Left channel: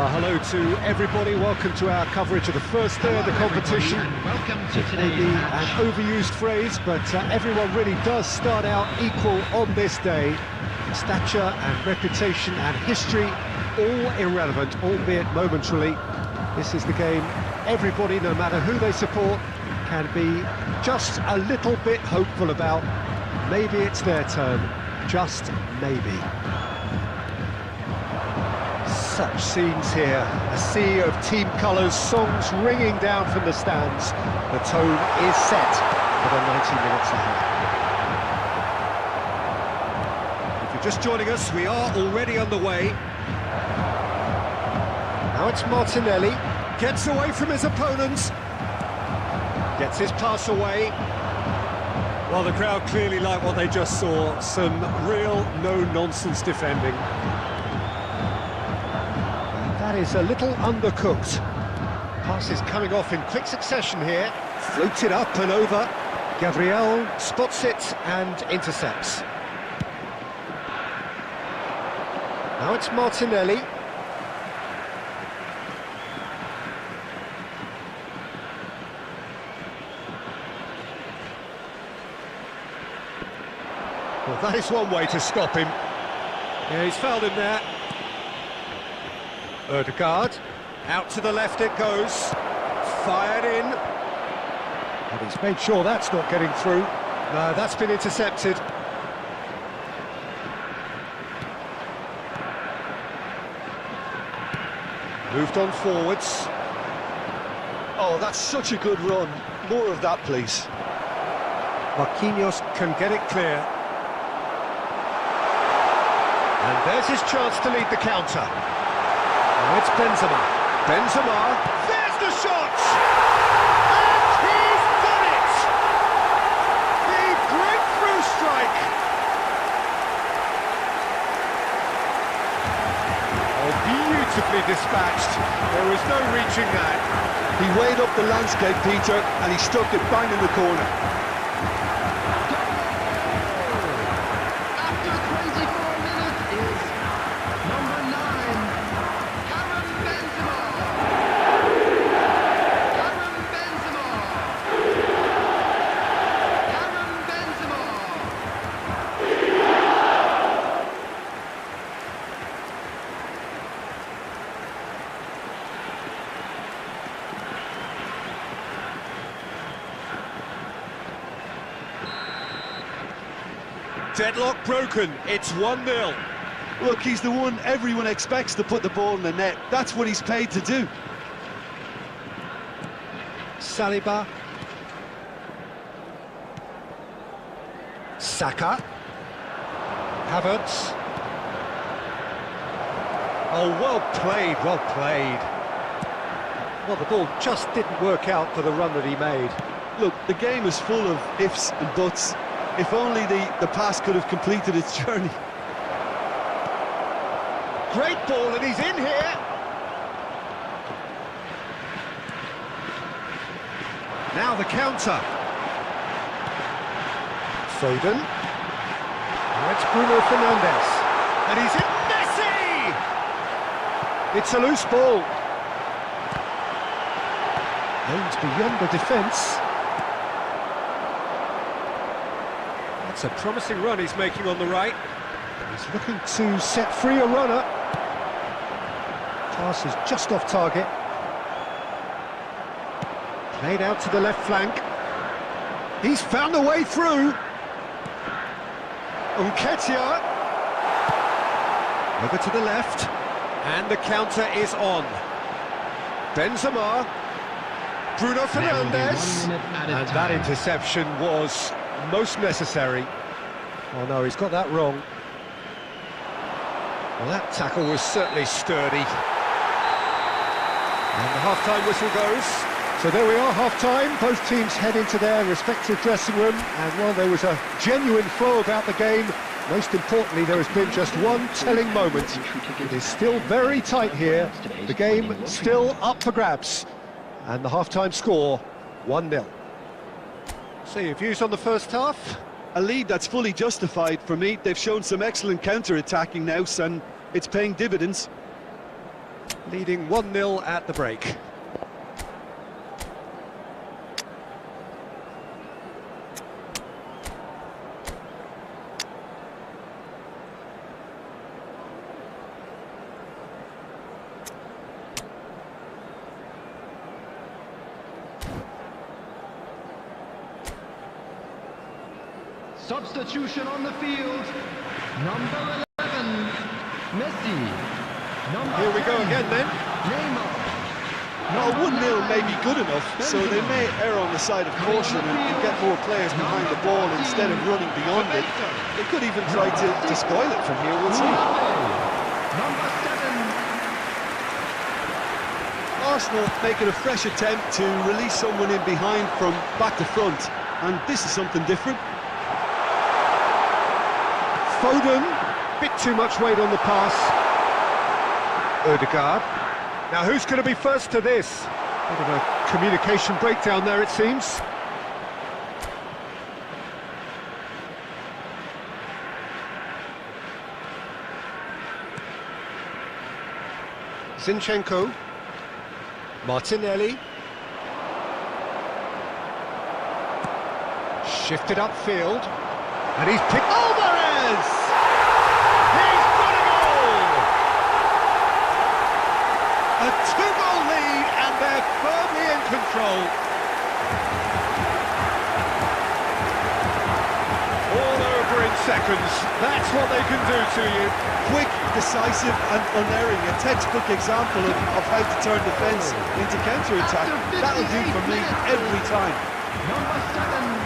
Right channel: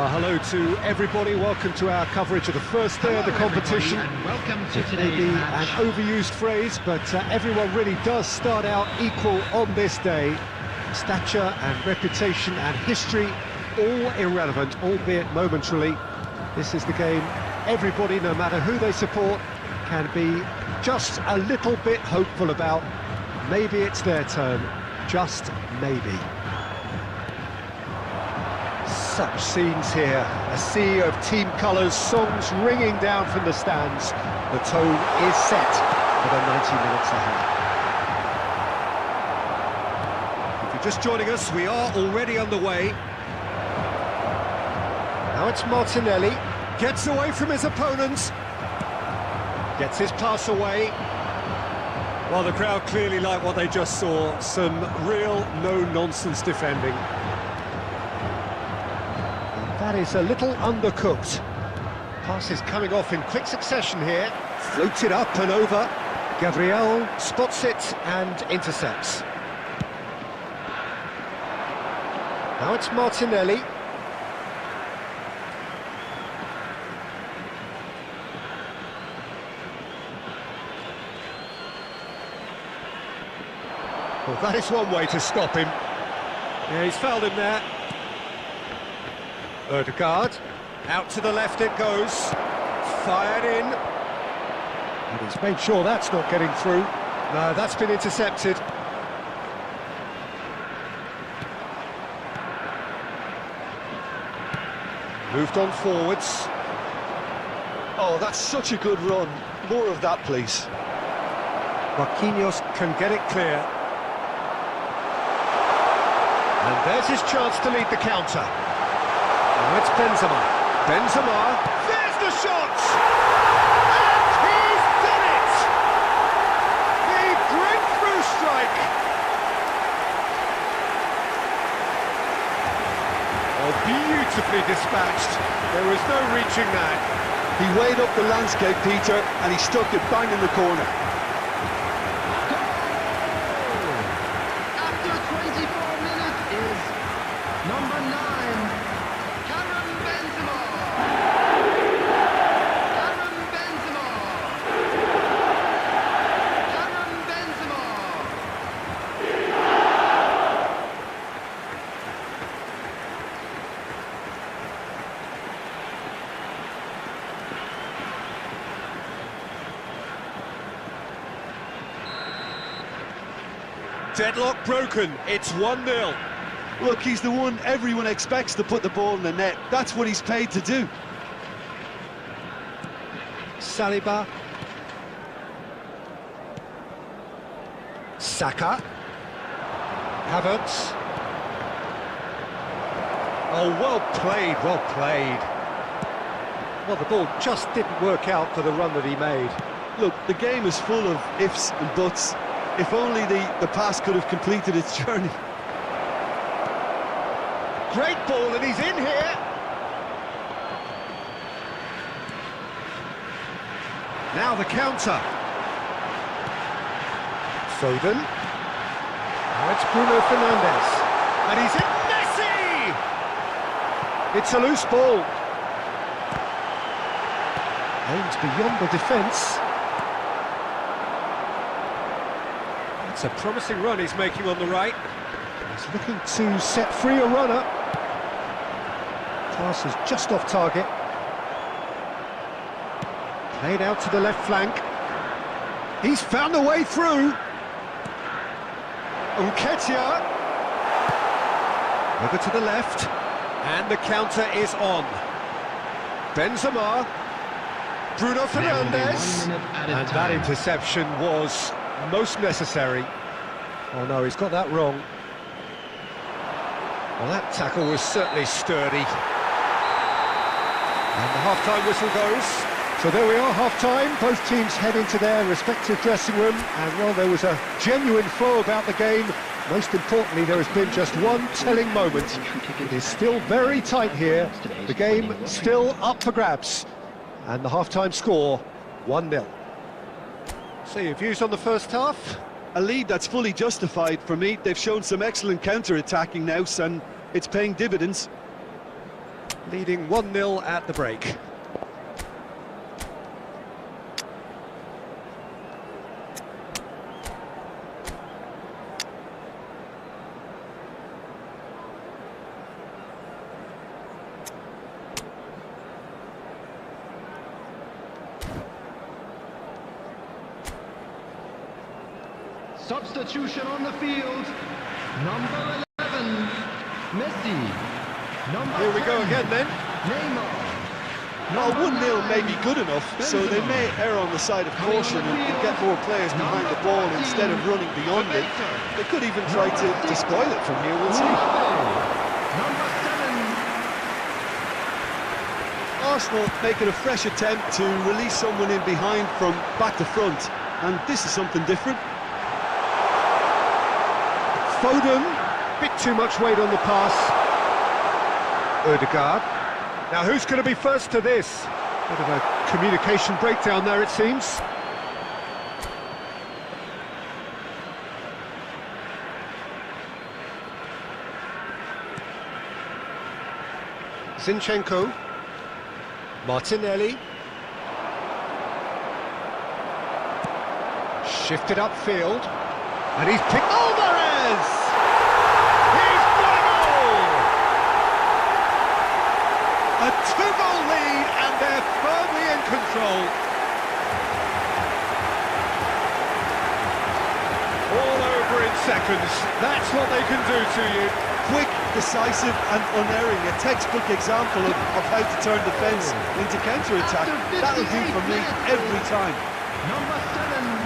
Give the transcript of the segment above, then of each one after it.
Well, hello to everybody. Welcome to our coverage of the first day of the competition. And welcome to It may today's be an match. overused phrase, but everyone really does start out equal on this day. Stature and reputation and history, all irrelevant, albeit momentarily. This is the game everybody, no matter who they support, can be just a little bit hopeful about. Maybe it's their turn, just maybe. Such scenes here, a sea of team colours, songs ringing down from the stands. The tone is set for the 90 minutes ahead. If you're just joining us, we are already underway. Now it's Martinelli, gets away from his opponents, gets his pass away. Well, the crowd clearly like what they just saw, some real no-nonsense defending. That is a little undercooked. Pass is coming off in quick succession here. Floated up and over. Gabriel spots it and intercepts. Now it's Martinelli. Well, that is one way to stop him. Yeah, he's fouled him there. Ødegaard, out to the left it goes, fired in, and he's made sure that's not getting through. No, that's been intercepted. Moved on forwards. Oh, that's such a good run. More of that, please. Marquinhos can get it clear. And there's his chance to lead the counter. Now it's Benzema. Benzema, there's the shot! And he's done it! The breakthrough strike! Oh, beautifully dispatched. There was no reaching that. He weighed up the landscape, Peter, and he stuck it bang in the corner. After 24 minutes is number 9, Karim Benzema. Karim Benzema. Karim Benzema. Deadlock broken, it's 1-0. Look, he's the one everyone expects to put the ball in the net. That's what he's paid to do. Saliba. Saka. Havertz. Oh, well played, well played. Well, the ball just didn't work out for the run that he made. Look, the game is full of ifs and buts. If only the pass could have completed its journey. Great ball, and he's in here. Now the counter. Foden. Now it's Bruno Fernandes. And he's in. Messi! It's a loose ball. Aimed beyond the defence. That's a promising run he's making on the right. He's looking to set free a runner. Pass is just off target. Played out to the left flank. He's found a way through. Nketiah. Over to the left. And the counter is on. Benzema. Bruno Fernandes. And that interception was most necessary. Oh no, he's got that wrong. Well, that tackle was certainly sturdy. And the half-time whistle goes. So there we are, half-time. Both teams head into their respective dressing room. And, well, there was a genuine flow about the game. Most importantly, there has been just one telling moment. It is still very tight here. The game still up for grabs. And the half-time score, 1-0. So your views on the first half? A lead that's fully justified for me. They've shown some excellent counter-attacking now, and it's paying dividends. Leading 1-0 at the break. Substitution on the field. Number 11, Messi. Number Here we 10, go again then. Neymar. Well, Number 1-0 may be 9, good enough, so they may err on the side of caution and get more players behind the ball instead of running beyond it. They could even try to spoil it from here, we'll see. Number 7, Arsenal making a fresh attempt to release someone in behind from back to front, and this is something different. Foden, bit too much weight on the pass. Ødegaard. Now who's going to be first to this? Bit of a communication breakdown there, it seems. Zinchenko. Martinelli. Shifted upfield. And he's picked... Alvarez! He's got a goal! A two-goal lead, and they're firmly in control. All over in seconds. That's what they can do to you. Quick, decisive and unerring, a textbook example of how to turn defence into counter-attack. That'll do for me every time. number 7.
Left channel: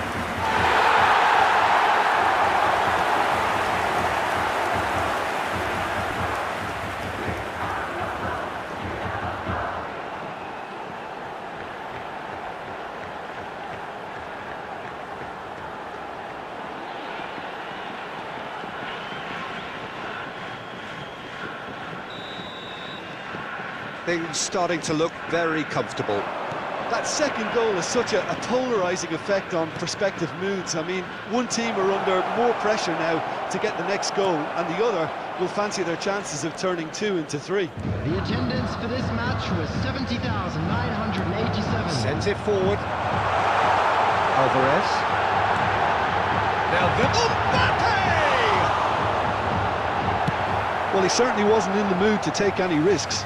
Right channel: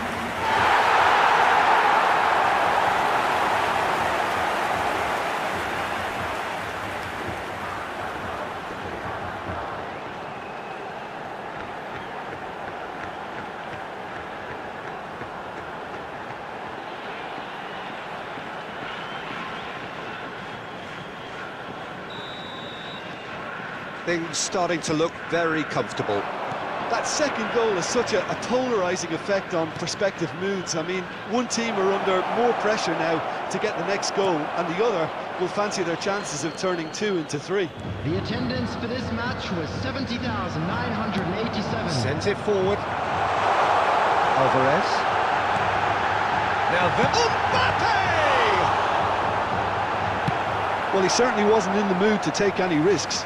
Things starting to look very comfortable. That second goal has such a polarising effect on prospective moods. I mean, one team are under more pressure now to get the next goal, and the other will fancy their chances of turning 2 into 3. The attendance for this match was 70,987. Sends it forward. Alvarez. Now the... Mbappe! Well, he certainly wasn't in the mood to take any risks.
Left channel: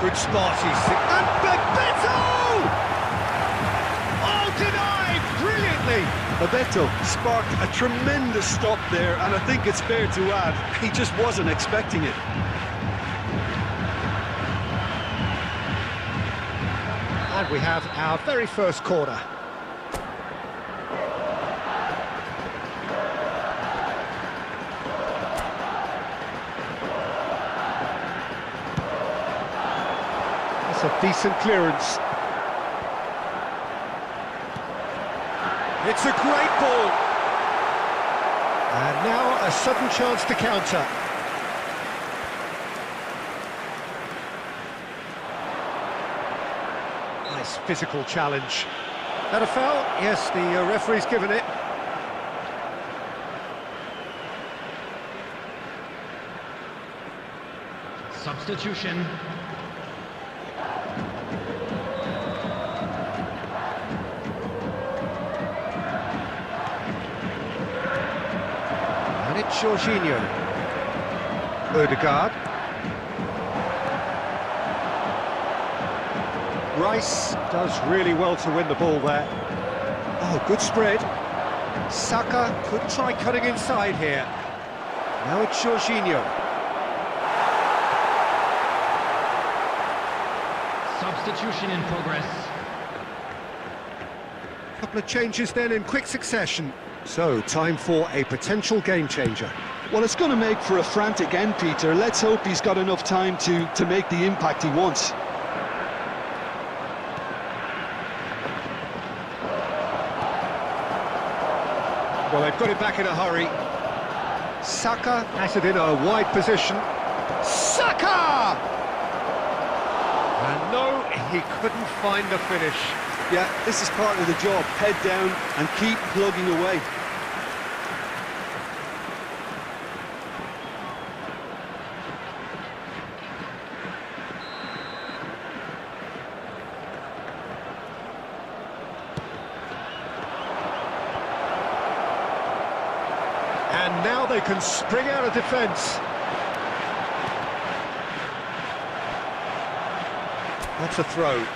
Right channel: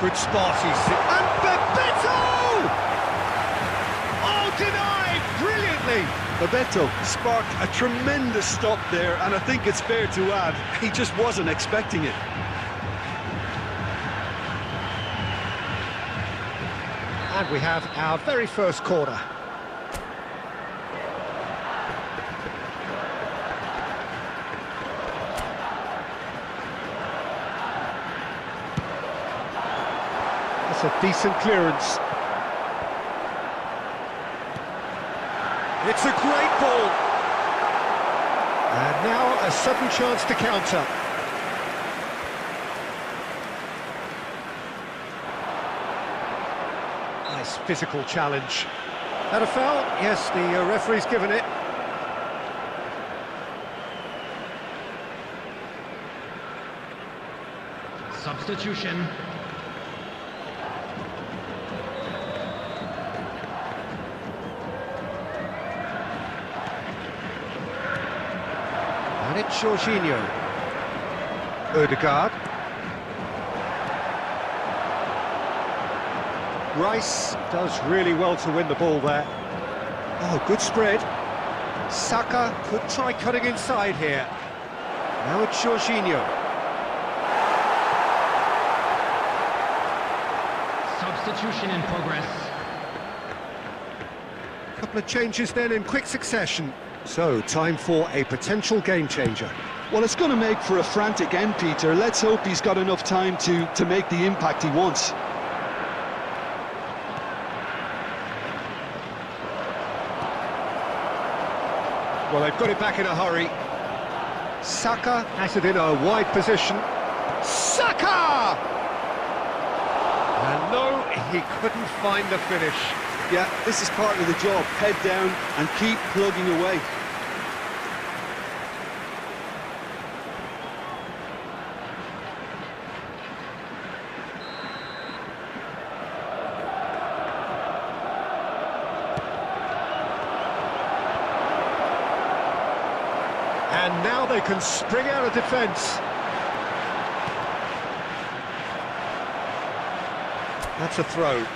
Good spot, and Bebeto! Oh, denied brilliantly! Bebeto sparked a tremendous stop there, and I think it's fair to add, he just wasn't expecting it. And we have our very first corner. That's a decent clearance. It's a great ball. And now a sudden chance to counter. Nice physical challenge. That a foul? Yes, the referee's given it. Substitution. And it's Jorginho. Ødegaard. Rice does really well to win the ball there. Oh, good spread. Saka could try cutting inside here. Now it's Jorginho. Substitution in progress. A couple of changes then in quick succession. So, time for a potential game changer. Well, it's going to make for a frantic end, Peter. Let's hope he's got enough time to make the impact he wants. Well, they've got it back in a hurry. Saka has it in a wide position. Saka! And no, he couldn't find the finish. Yeah, this is part of the job. Head down and keep plugging away. And now they can spring out of defence. That's a throw.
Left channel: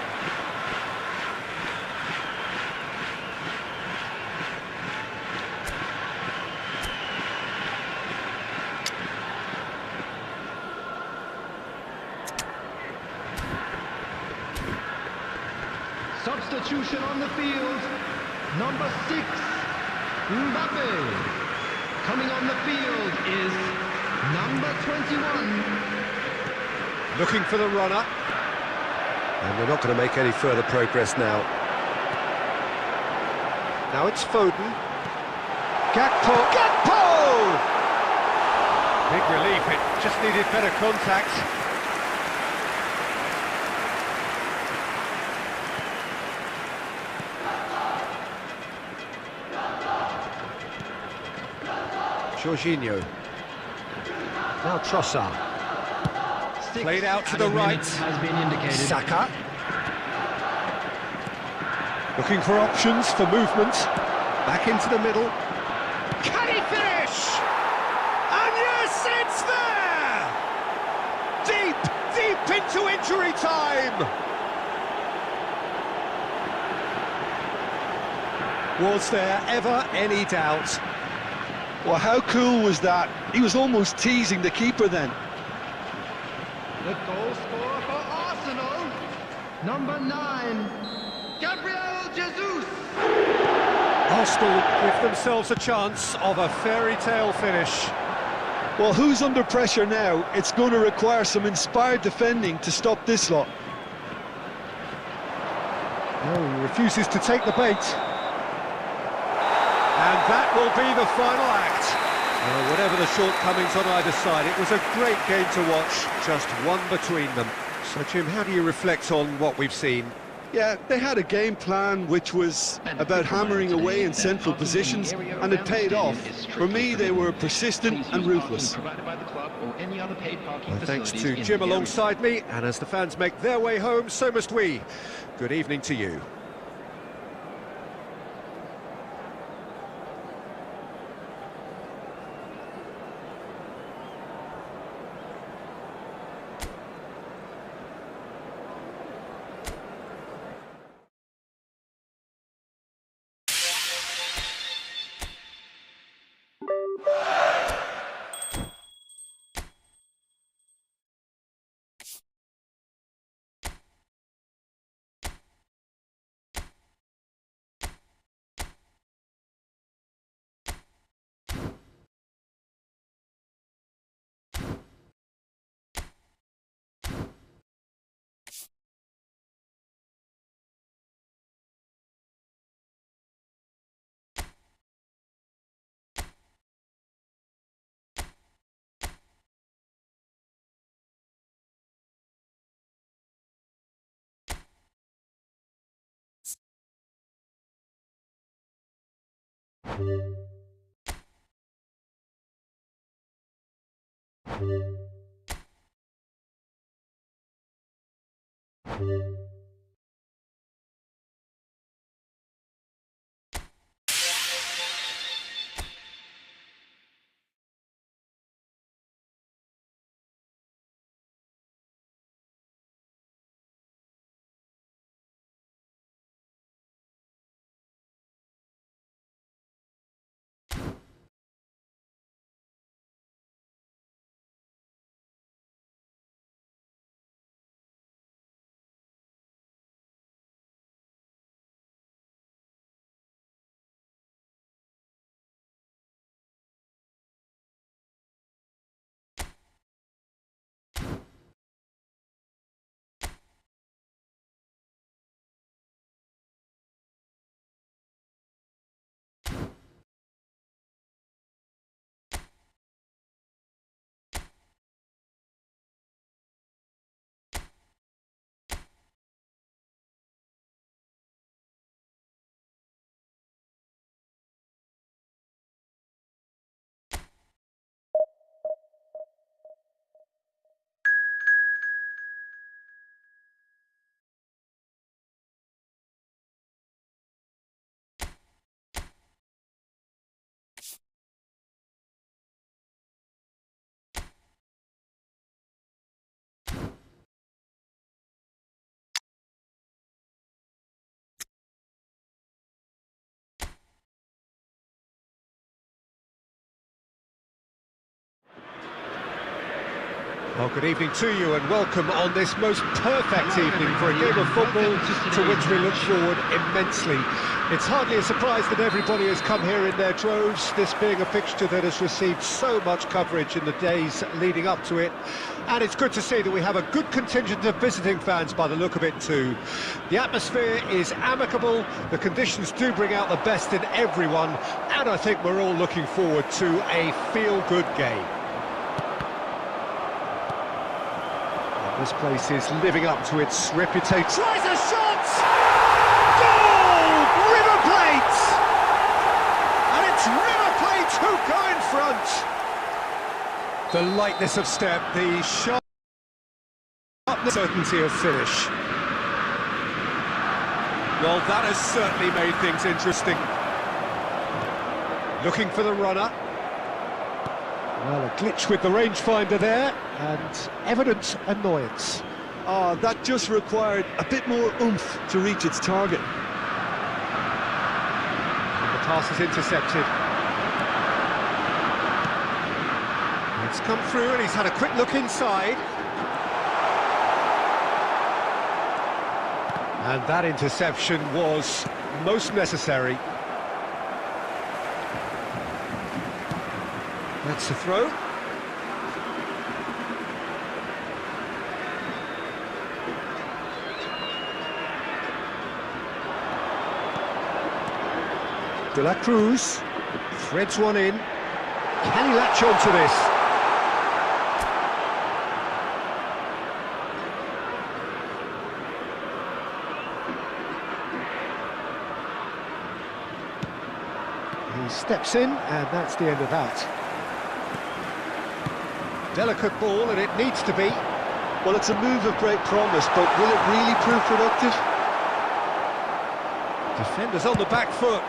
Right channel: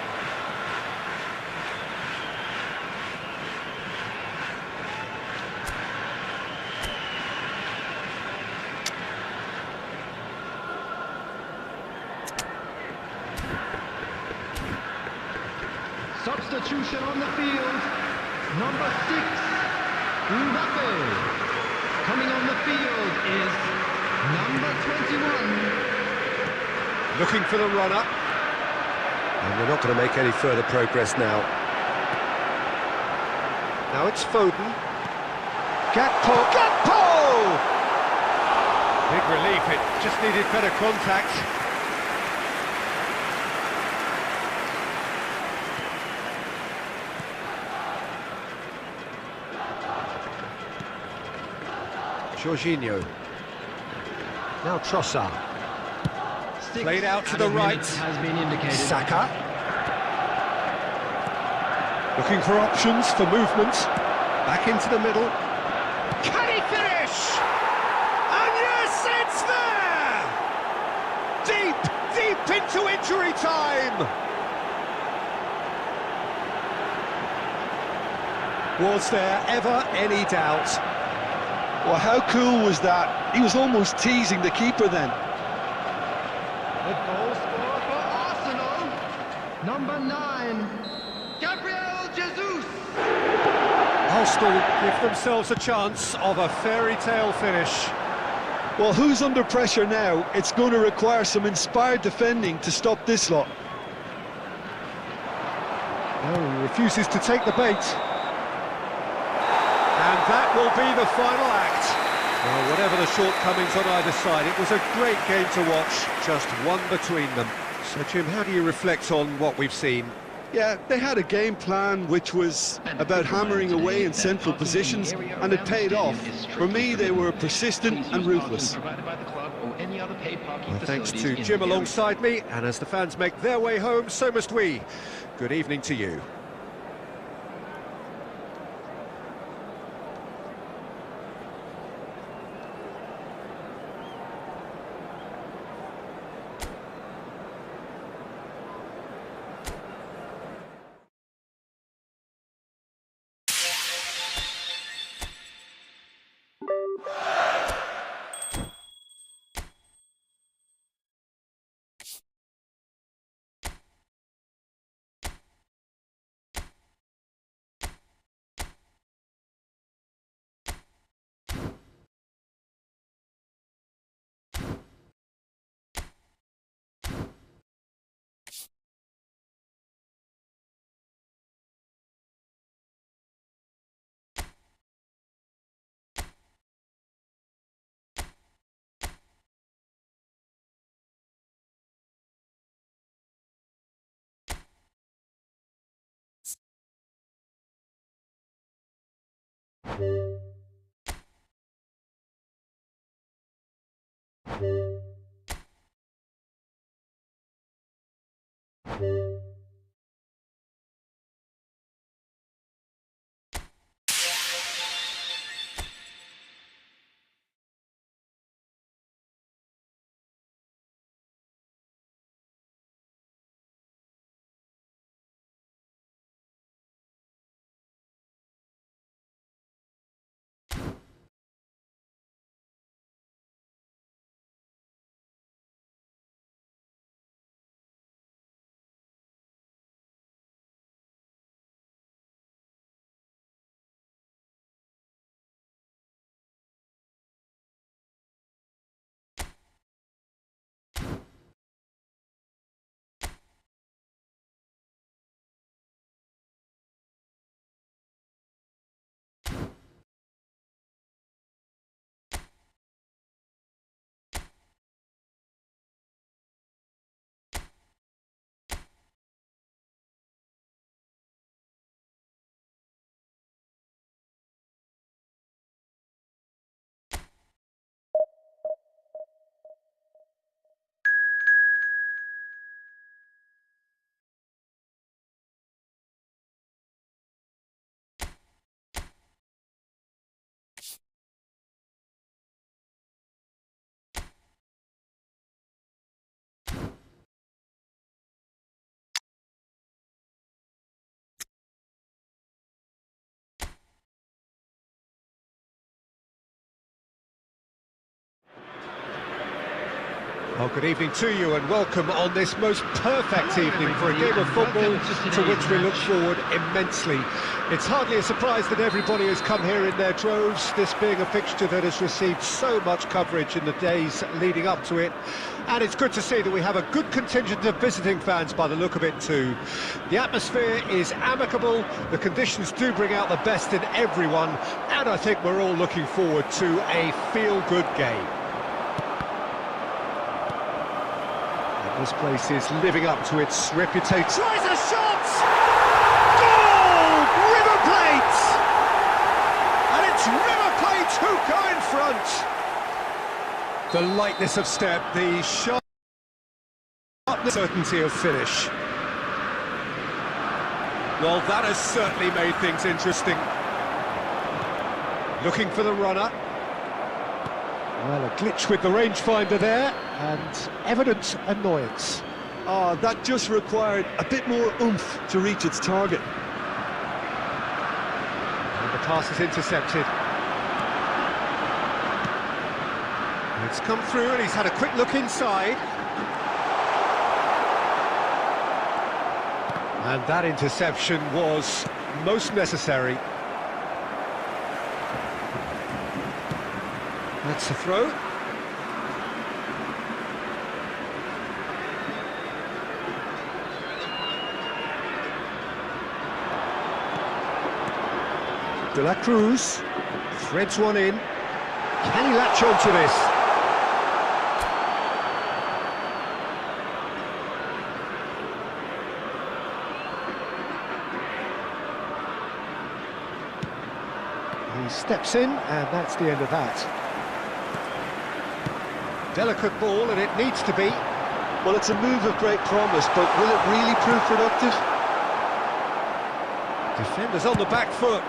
Substitution on the field. Number 6, Mbappe. Coming on the field is number 21. Looking for the runner. And they're not going to make any further progress now. Now it's Foden. Gakpo! Gakpo! Big relief, it just needed better contact. Jorginho. Now Trossard. Played out to the right. Has been indicated. Saka. Looking for options for movement. Back into the middle. Can he finish? And yes, it's there! Deep into injury time! Was there ever any doubt? Well, how cool was that? He was almost teasing the keeper then. The goal scorer for Arsenal, number 9, Gabriel Jesus. Arsenal give themselves a chance of a fairy tale finish. Well, who's under pressure now? It's going to require some inspired defending to stop this lot. No, he refuses to take the bait. And that will be the final act. Well, whatever the shortcomings on either side, it was a great game to watch, just one between them. So, Jim, how do you reflect on what we've seen? Yeah, they had a game plan which was about hammering away in central positions, and it paid off. For me, they were persistent and ruthless. Well, thanks to Jim alongside me, and as the fans make their way home, so must we. Good evening to you. Well, good evening to you and welcome on this most perfect evening for a game of football to which we look forward immensely. It's hardly a surprise that everybody has come here in their droves, this being a fixture that has received so much coverage in the days leading up to it. And it's good to see that we have a good contingent of visiting fans by the look of it too. The atmosphere is amicable, the conditions do bring out the best in everyone, and I think we're all looking forward to a feel-good game. This place is living up to its reputation. Tries a shot! Goal! River Plate! And it's River Plate who go in front. The lightness of step, the sharp certainty of finish. Well, that has certainly made things interesting. Looking for the runner. Well, a glitch with the rangefinder there, and evident annoyance. Oh, that just required a bit more oomph to reach its target. And the pass is intercepted. It's come through and he's had a quick look inside. And that interception was most necessary. That's the throw. De la Cruz threads one in. Can he latch on to this? He steps in, and that's the end of that. Delicate ball, and it needs to be. Well, it's a move of great promise, but will it really prove productive? Defenders on the back foot.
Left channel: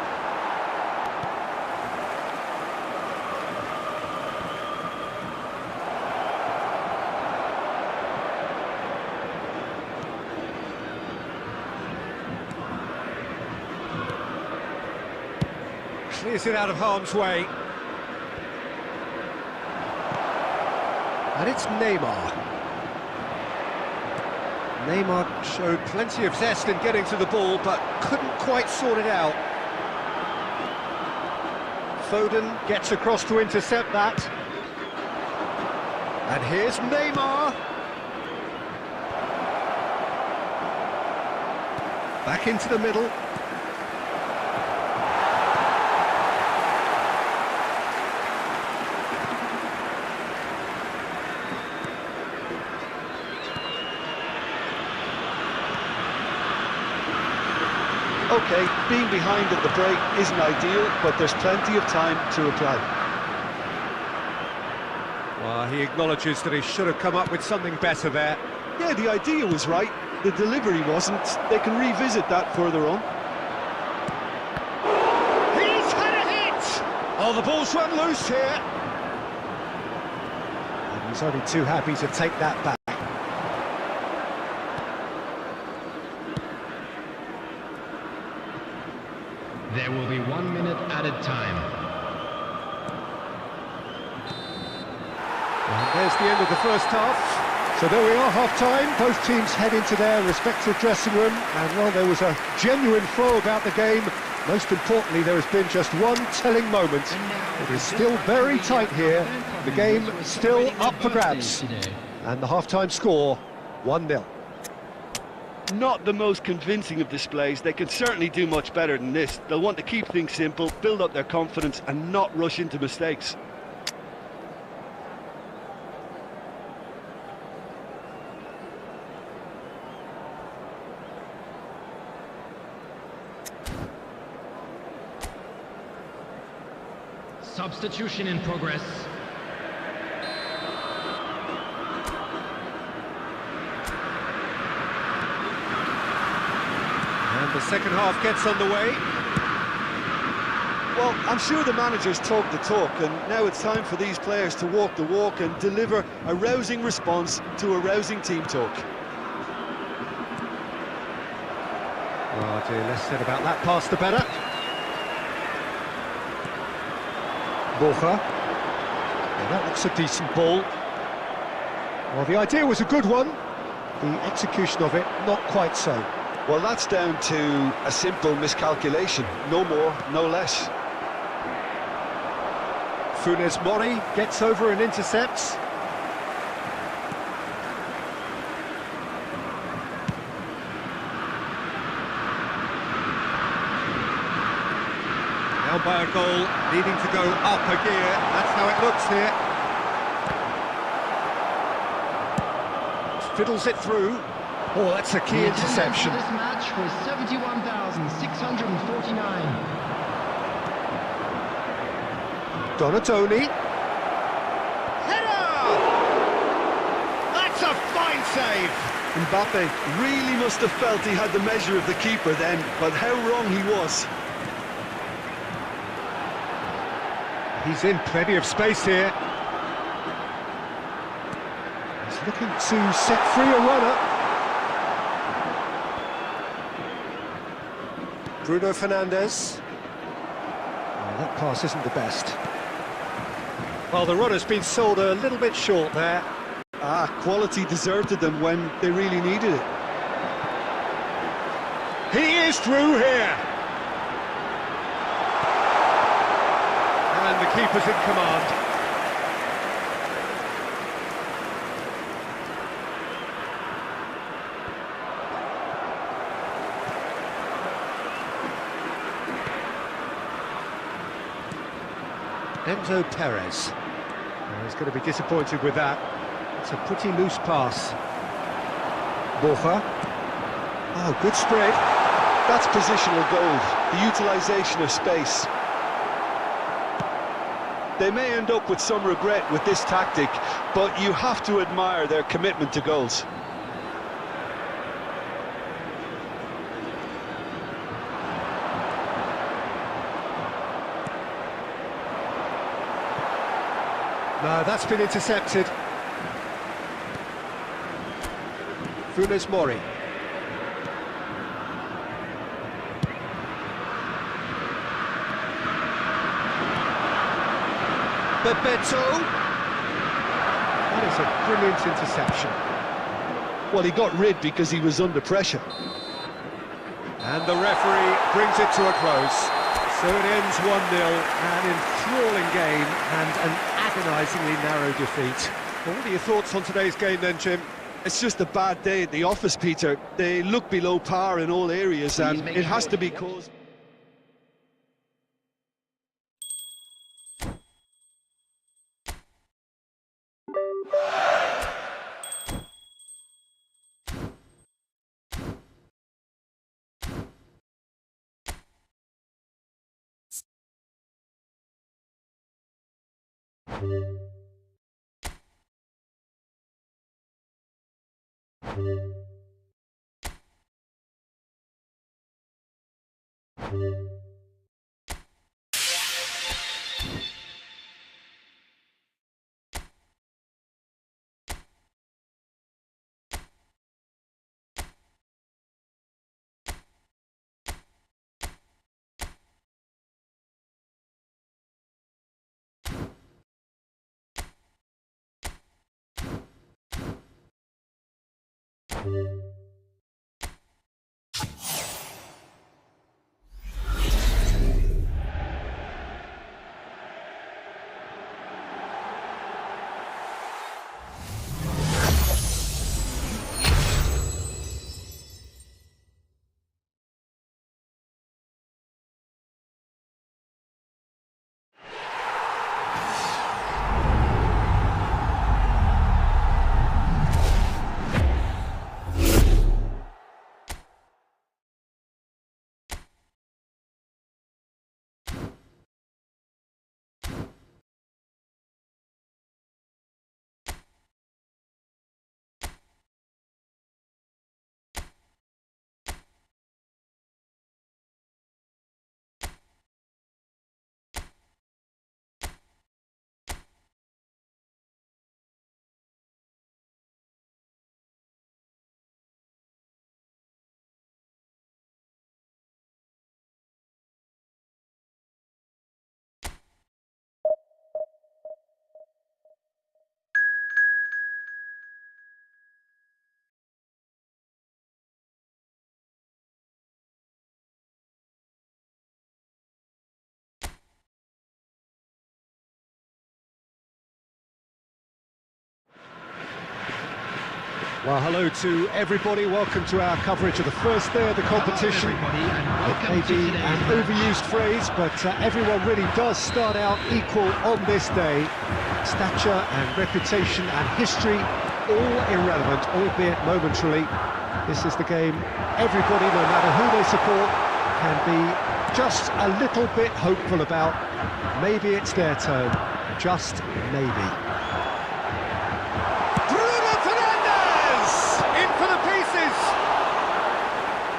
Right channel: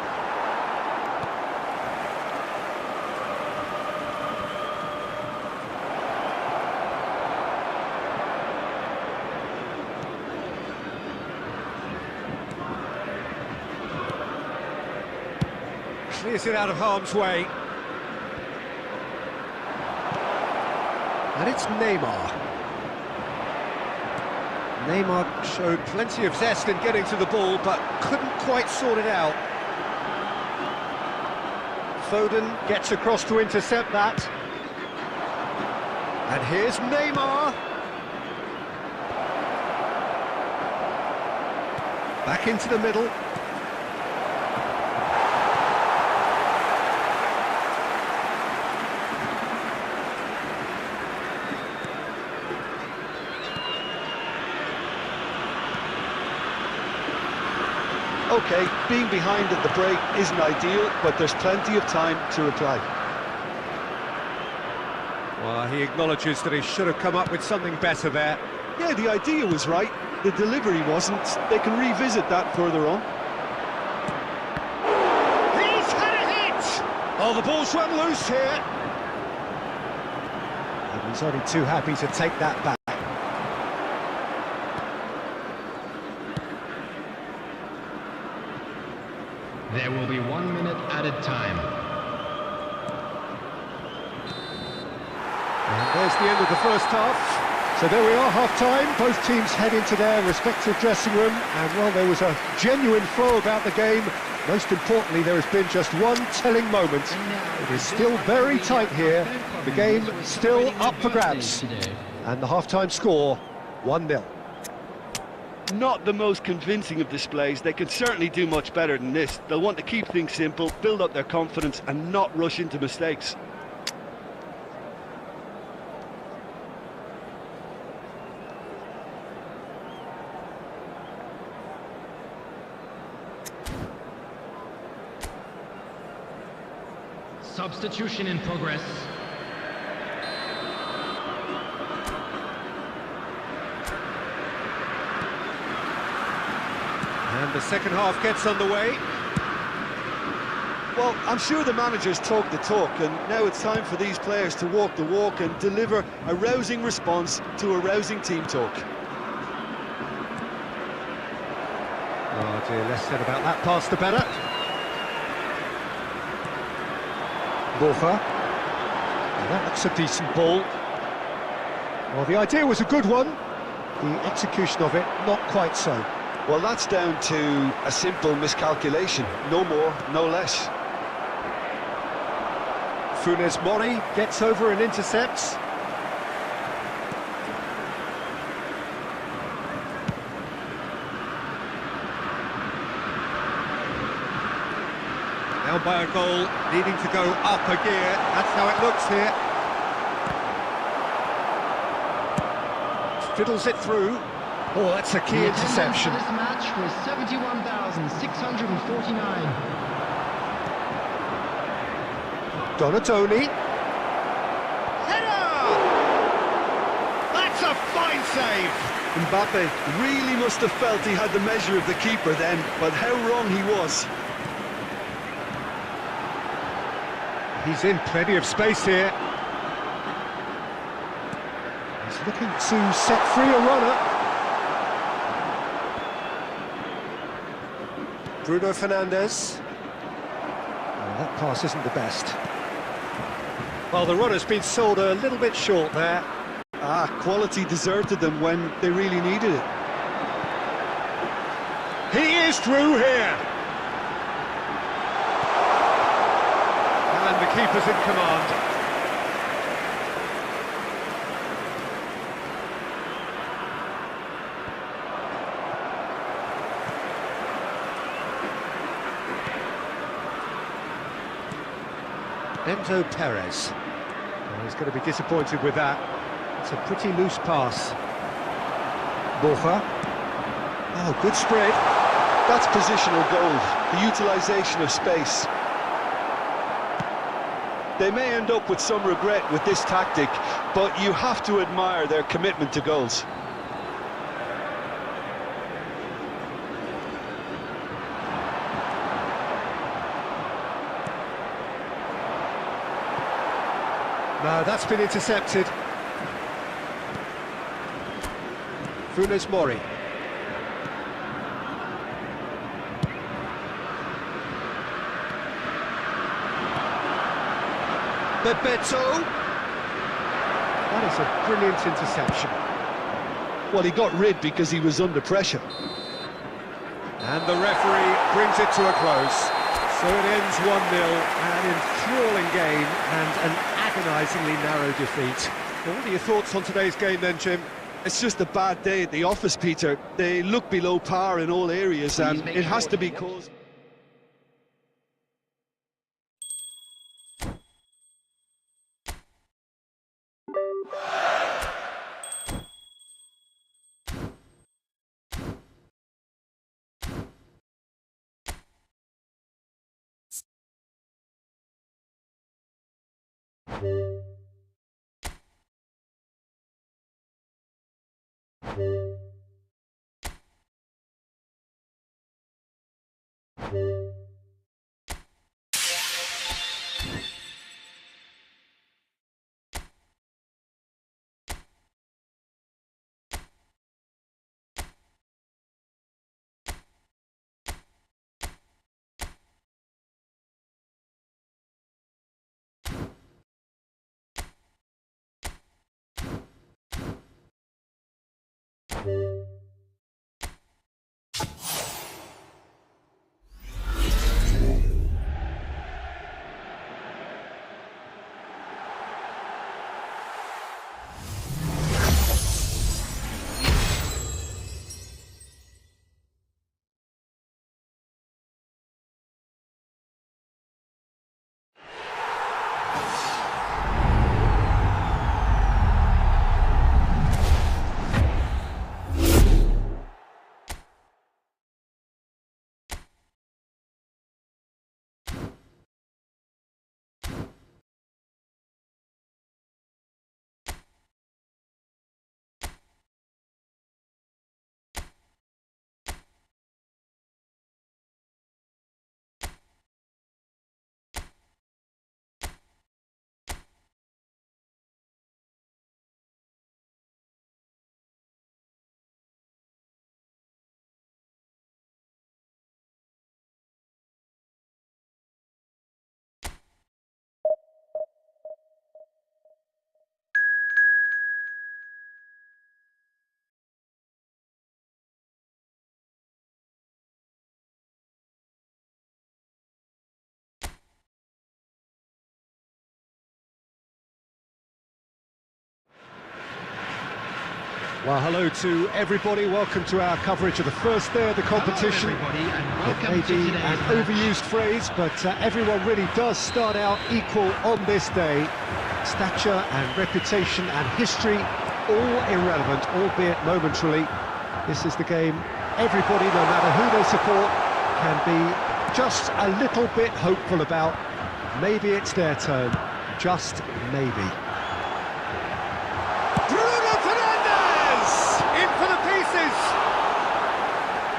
Clears it out of harm's way. And it's Neymar. Neymar showed plenty of zest in getting to the ball, but couldn't quite sort it out. Foden gets across to intercept that. And here's Neymar. Back into the middle. OK, being behind at the break isn't ideal, but there's plenty of time to reply. Well, he acknowledges that he should have come up with something better there. Yeah, the idea was right, the delivery wasn't. They can revisit that further on. He's had a hit! Oh, the ball's run loose here. And he's only too happy to take that back. There will be 1 minute added time. And there's the end of the first half. So there we are, half-time. Both teams head into their respective dressing room. And while there was a genuine flow about the game, most importantly, there has been just one telling moment. It is still very tight here. The game still up for grabs. And the half-time score, 1-0. Not the most convincing of displays. They can certainly do much better than this. They'll want to keep things simple, build up their confidence and not rush into mistakes. Substitution in progress. And the second half gets underway. Well, I'm sure the managers talk the talk, and now it's time for these players to walk the walk and deliver a rousing response to a rousing team talk. Oh dear, less said about that pass the better. Borja. Well, that looks a decent ball. Well, the idea was a good one, the execution of it not quite so. Well, that's down to a simple miscalculation, no more, no less. Funes Mori gets over and intercepts. Down by a goal, needing to go up a gear. That's how it looks here. Fiddles it through. Oh, that's a key interception. This match was 71,649. Donatoni. Header! That's a fine save! Mbappe really must have felt he had the measure of the keeper then, but how wrong he was. He's in plenty of space here. He's looking to set free a runner. Bruno Fernandes. Oh, that pass isn't the best. Well, the runner's been sold a little bit short there. Quality deserted them when they really needed it. He is through here. And the keeper's in command. Enzo Perez. Well, he's going to be disappointed with that. It's a pretty loose pass. Borja. Oh, good spread. That's positional gold, the utilisation of space. They may end up with some regret with this tactic, but you have to admire their commitment to goals. No, that's been intercepted. Funes Mori. Bebeto. That is a brilliant interception. Well, he got rid because he was under pressure. And the referee brings it to a close. So it ends 1-0, an enthralling game and an agonisingly narrow defeat. Well, what are your thoughts on today's game then, Jim? It's just a bad day at the office, Peter. They look below par in all areas, and it has to be caused... Well, hello to everybody. Welcome to our coverage of the first day of the competition. Hello everybody, and welcome It may to be today's an match. overused phrase, but everyone really does start out equal on this day. Stature and reputation and history, all irrelevant, albeit momentarily. This is the game everybody, no matter who they support, can be just a little bit hopeful about. Maybe it's their turn, just maybe. In for the pieces!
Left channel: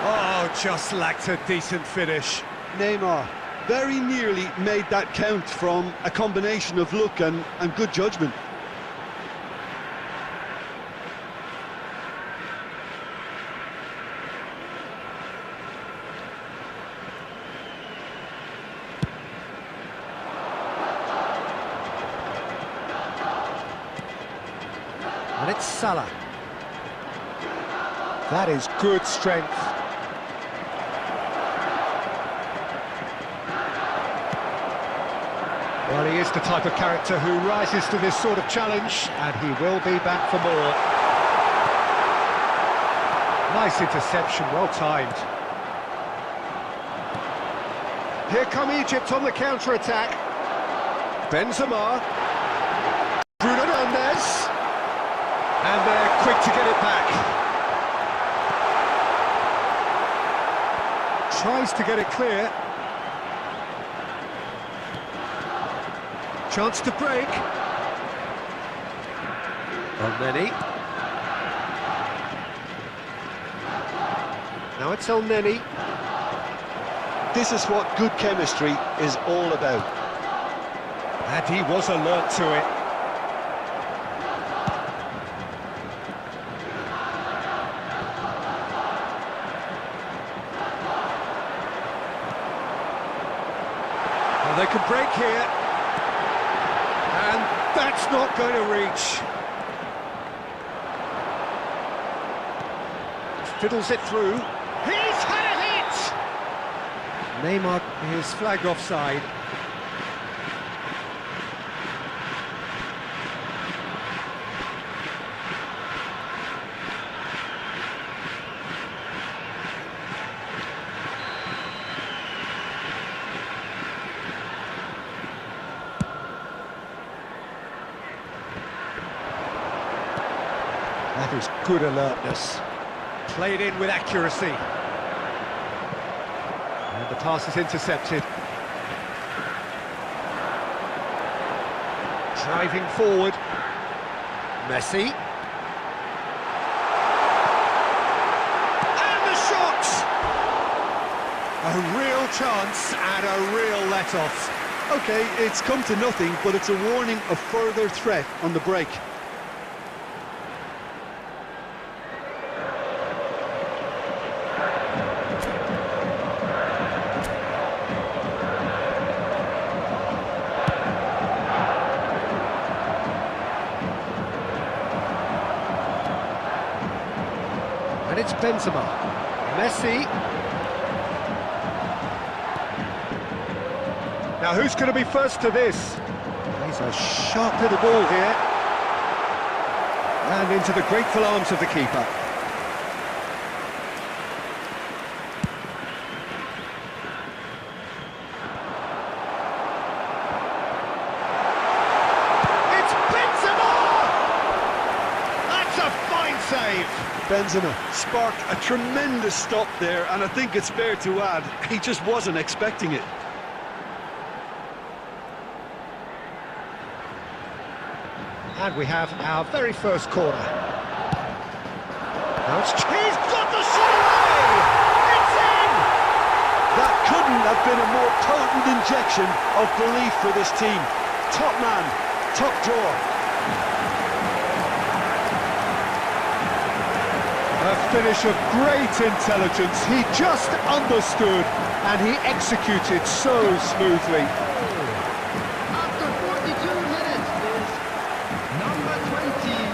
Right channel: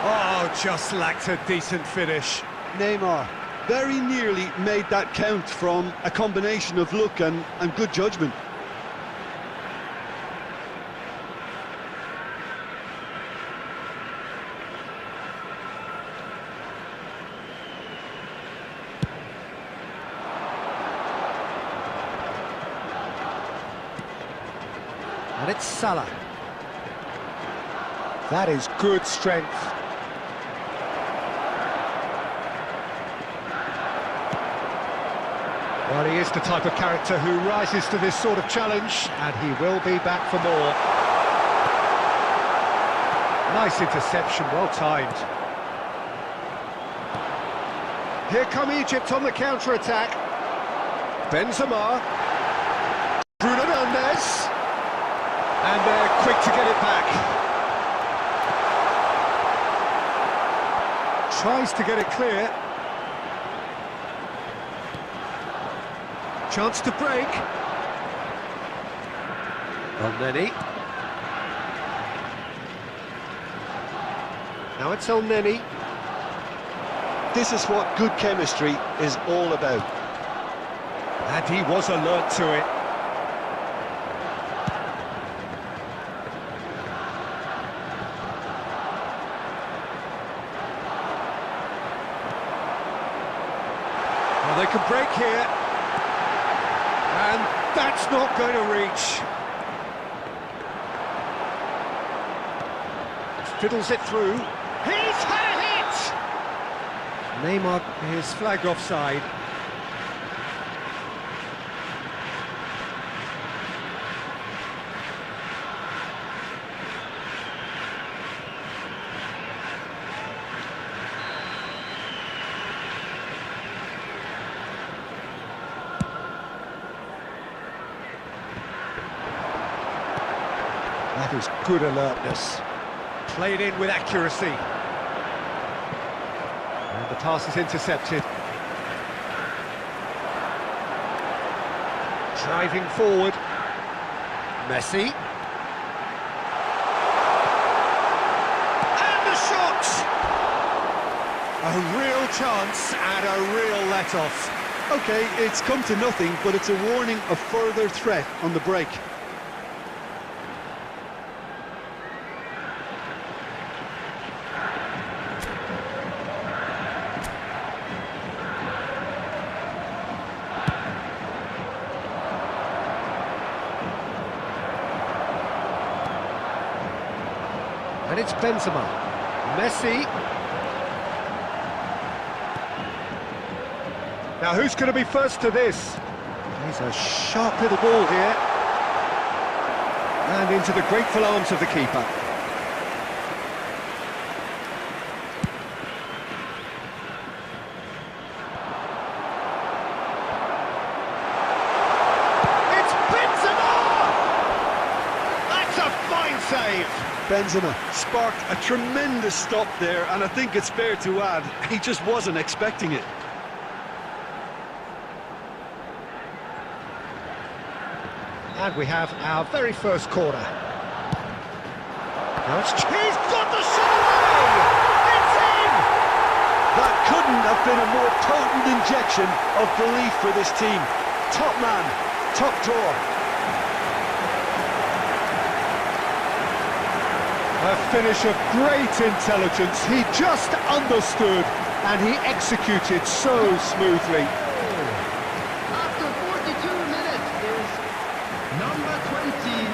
Oh, just lacked a decent finish. Neymar very nearly made that count from a combination of luck and good judgment. And it's Salah. That is good strength. Well, he is the type of character who rises to this sort of challenge, and he will be back for more. Nice interception, well timed. Here come Egypt on the counter-attack. Benzema. Bruno Fernandes. And they're quick to get it back. Tries to get it clear. Chance to break. El-Neni. Now it's El-Neni. This is what good chemistry is all about. And he was alert to it. Well, they can break here. And that's not going to reach. Fiddles it through. He's had it! Neymar is flagged offside. That is good alertness. Played in with accuracy. And the pass is intercepted. Driving forward. Messi. And the shot! A real chance and a real let-off. Okay, it's come to nothing, but it's a warning of further threat on the break. And it's Benzema. Messi. Now who's going to be first to this? Plays a sharp little ball here. And into the grateful arms of the keeper. It's Benzema! That's a fine save. Benzema sparked a tremendous stop there, and I think it's fair to add, he just wasn't expecting it. And we have our very first corner. Now it's... He's got the shot away! It's in! That couldn't have been a more potent injection of belief for this team. Top man, top drawer. A finish of great intelligence. He just understood and he executed so smoothly. After 42 minutes is number 20.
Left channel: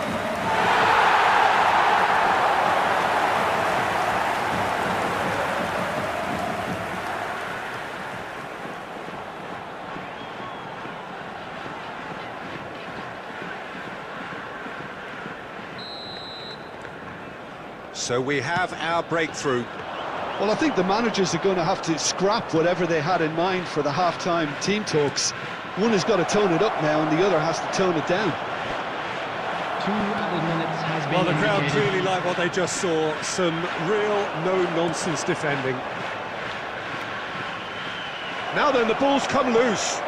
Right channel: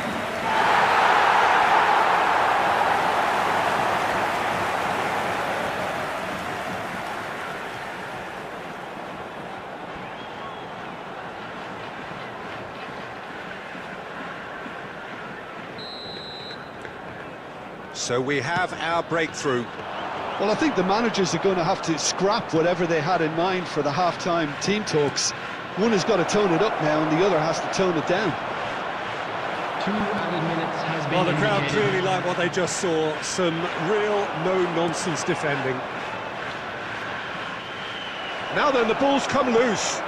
So we have our breakthrough. Well, I think the managers are going to have to scrap whatever they had in mind for the half-time team talks. One has got to tone it up now, and the other has to tone it down. 2 added minutes has been Well, the crowd indicated. clearly like what they just saw. Some real no-nonsense defending. Now then, the ball's come loose.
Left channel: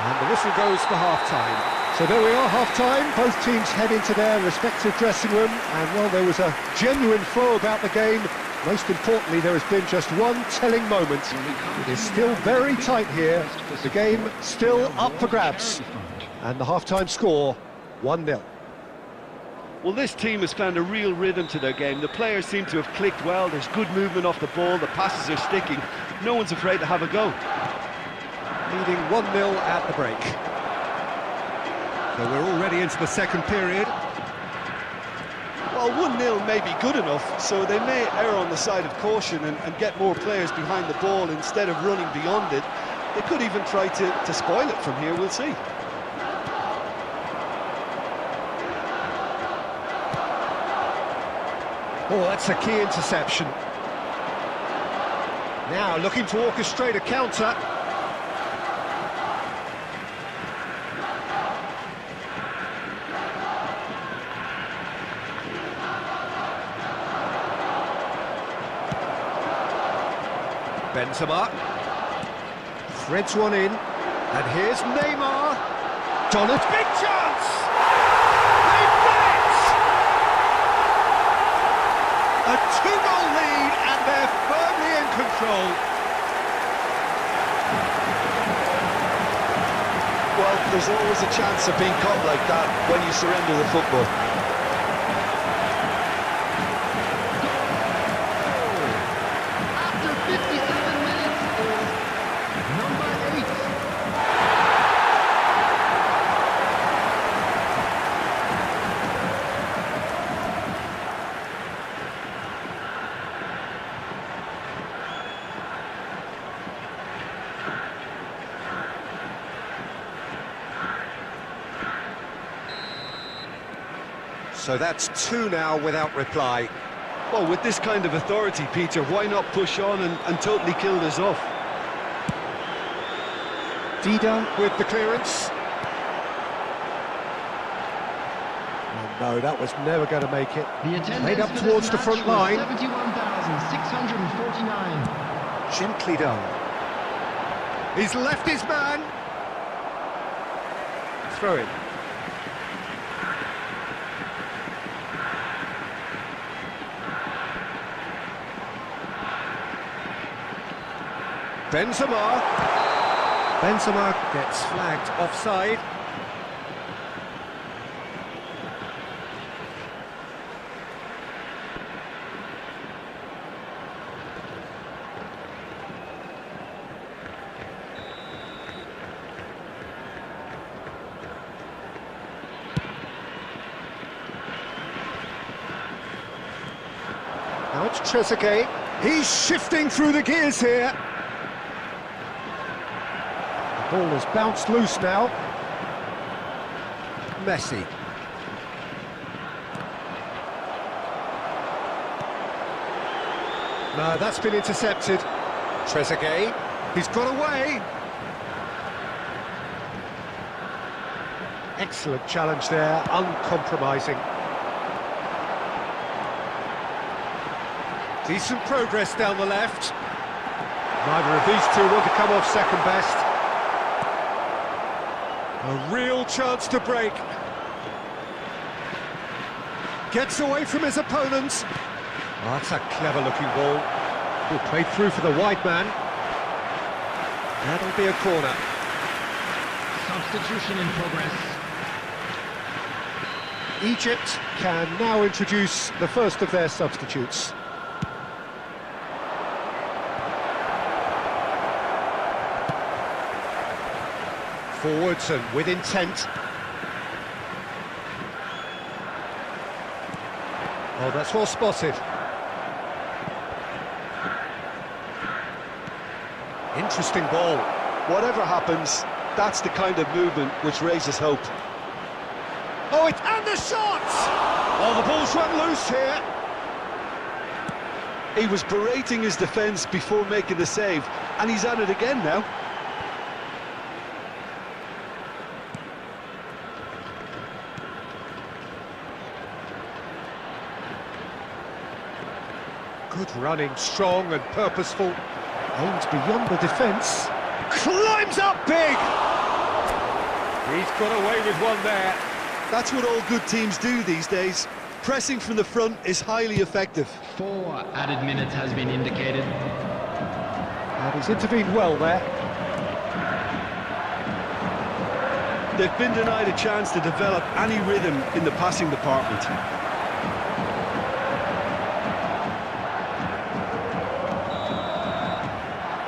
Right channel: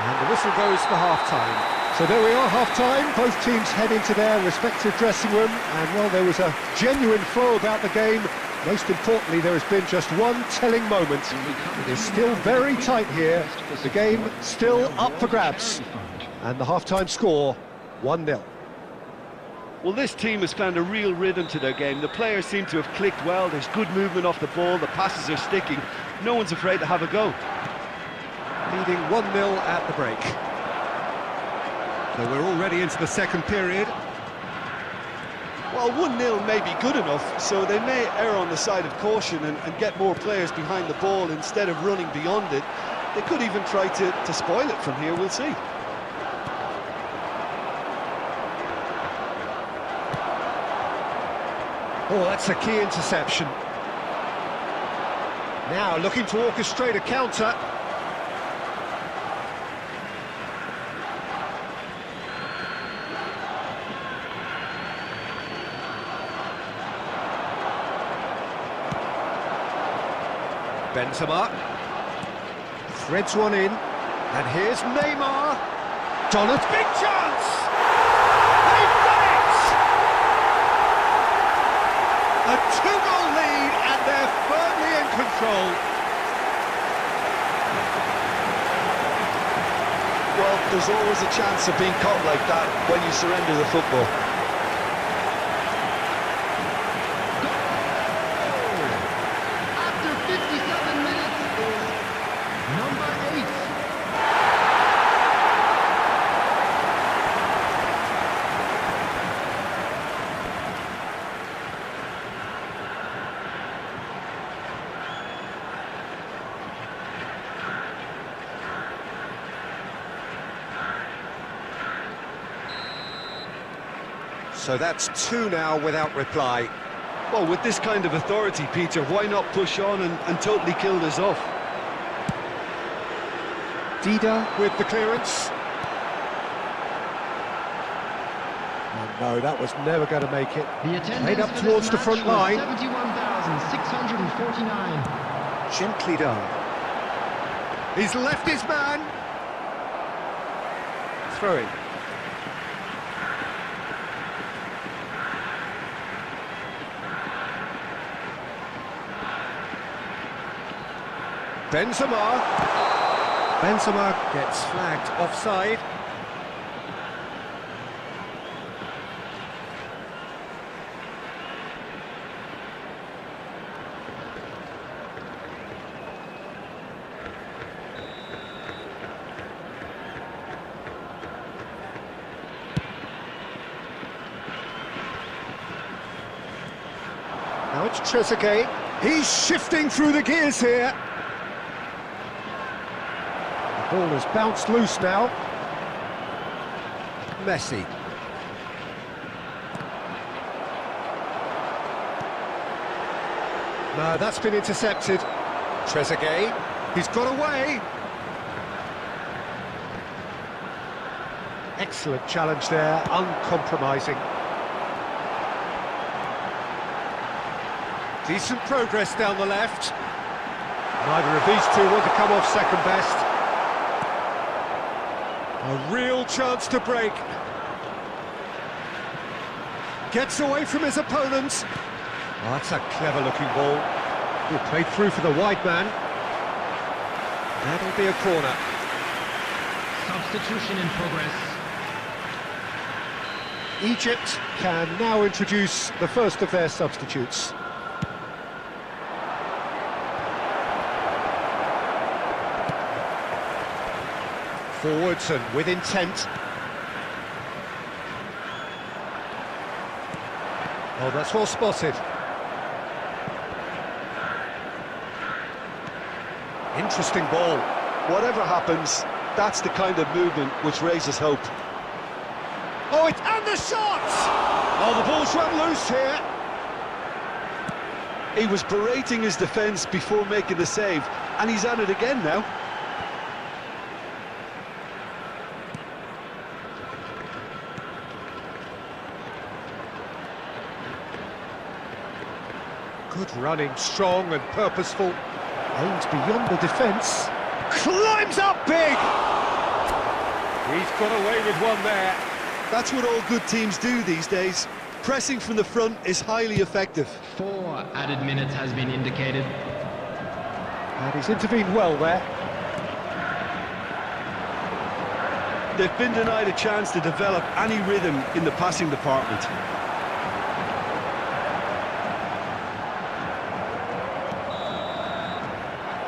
And the whistle goes for half-time. So there we are, half-time. Both teams head into their respective dressing room. And, well, there was a genuine flow about the game. Most importantly, there has been just one telling moment. It is still very tight here. The game still up for grabs. And the half-time score, 1-0. Well, this team has found a real rhythm to their game. The players seem to have clicked well. There's good movement off the ball. The passes are sticking. No one's afraid to have a go. Leading 1-0 at the break. So we're already into the second period. Well, 1-0 may be good enough, so they may err on the side of caution and get more players behind the ball instead of running beyond it. They could even try to spoil it from here, we'll see. Oh, that's a key interception. Now looking to orchestrate a counter. Benzema threads one in, and here's Neymar. Donald's big chance! They've done it! A 2-goal lead, and they're firmly in control. Well, there's always a chance of being caught like that when you surrender the football. After 57 minutes is number 8. So that's 2 now without reply. Well, with this kind of authority, Peter, why not push on and totally kill this off? Dida with the clearance. Oh no, that was never going to make it. The attendance Played up for towards this the front match was line. 71,649. Gently done. He's left his man. Throw in. Benzema gets flagged offside. Now it's Trezeguet. He's shifting through the gears here. Ball has bounced loose now. Messi. No, that's been intercepted. Trezeguet. He's got away. Excellent challenge there, uncompromising. Decent progress down the left. Neither of these two want to come off second best. A real chance to break. Gets away from his opponents. Oh, that's a clever-looking ball. Oh, played through for the wide man. That'll be a corner. Substitution in progress. Egypt can now introduce the first of their substitutes. Forwards and with intent. Oh, that's well spotted. Interesting ball. Whatever happens, that's the kind of movement which raises hope. Oh, and the shot! Oh, the ball's run loose here. He was berating his defence before making the save, and he's at it again now. Good running, strong and purposeful. Aims beyond the defence. Climbs up big! He's got away with one there. That's what all good teams do these days. Pressing from the front is highly effective. 4 added minutes has been indicated. And he's intervened well there. They've been denied a chance to develop any rhythm in the passing department.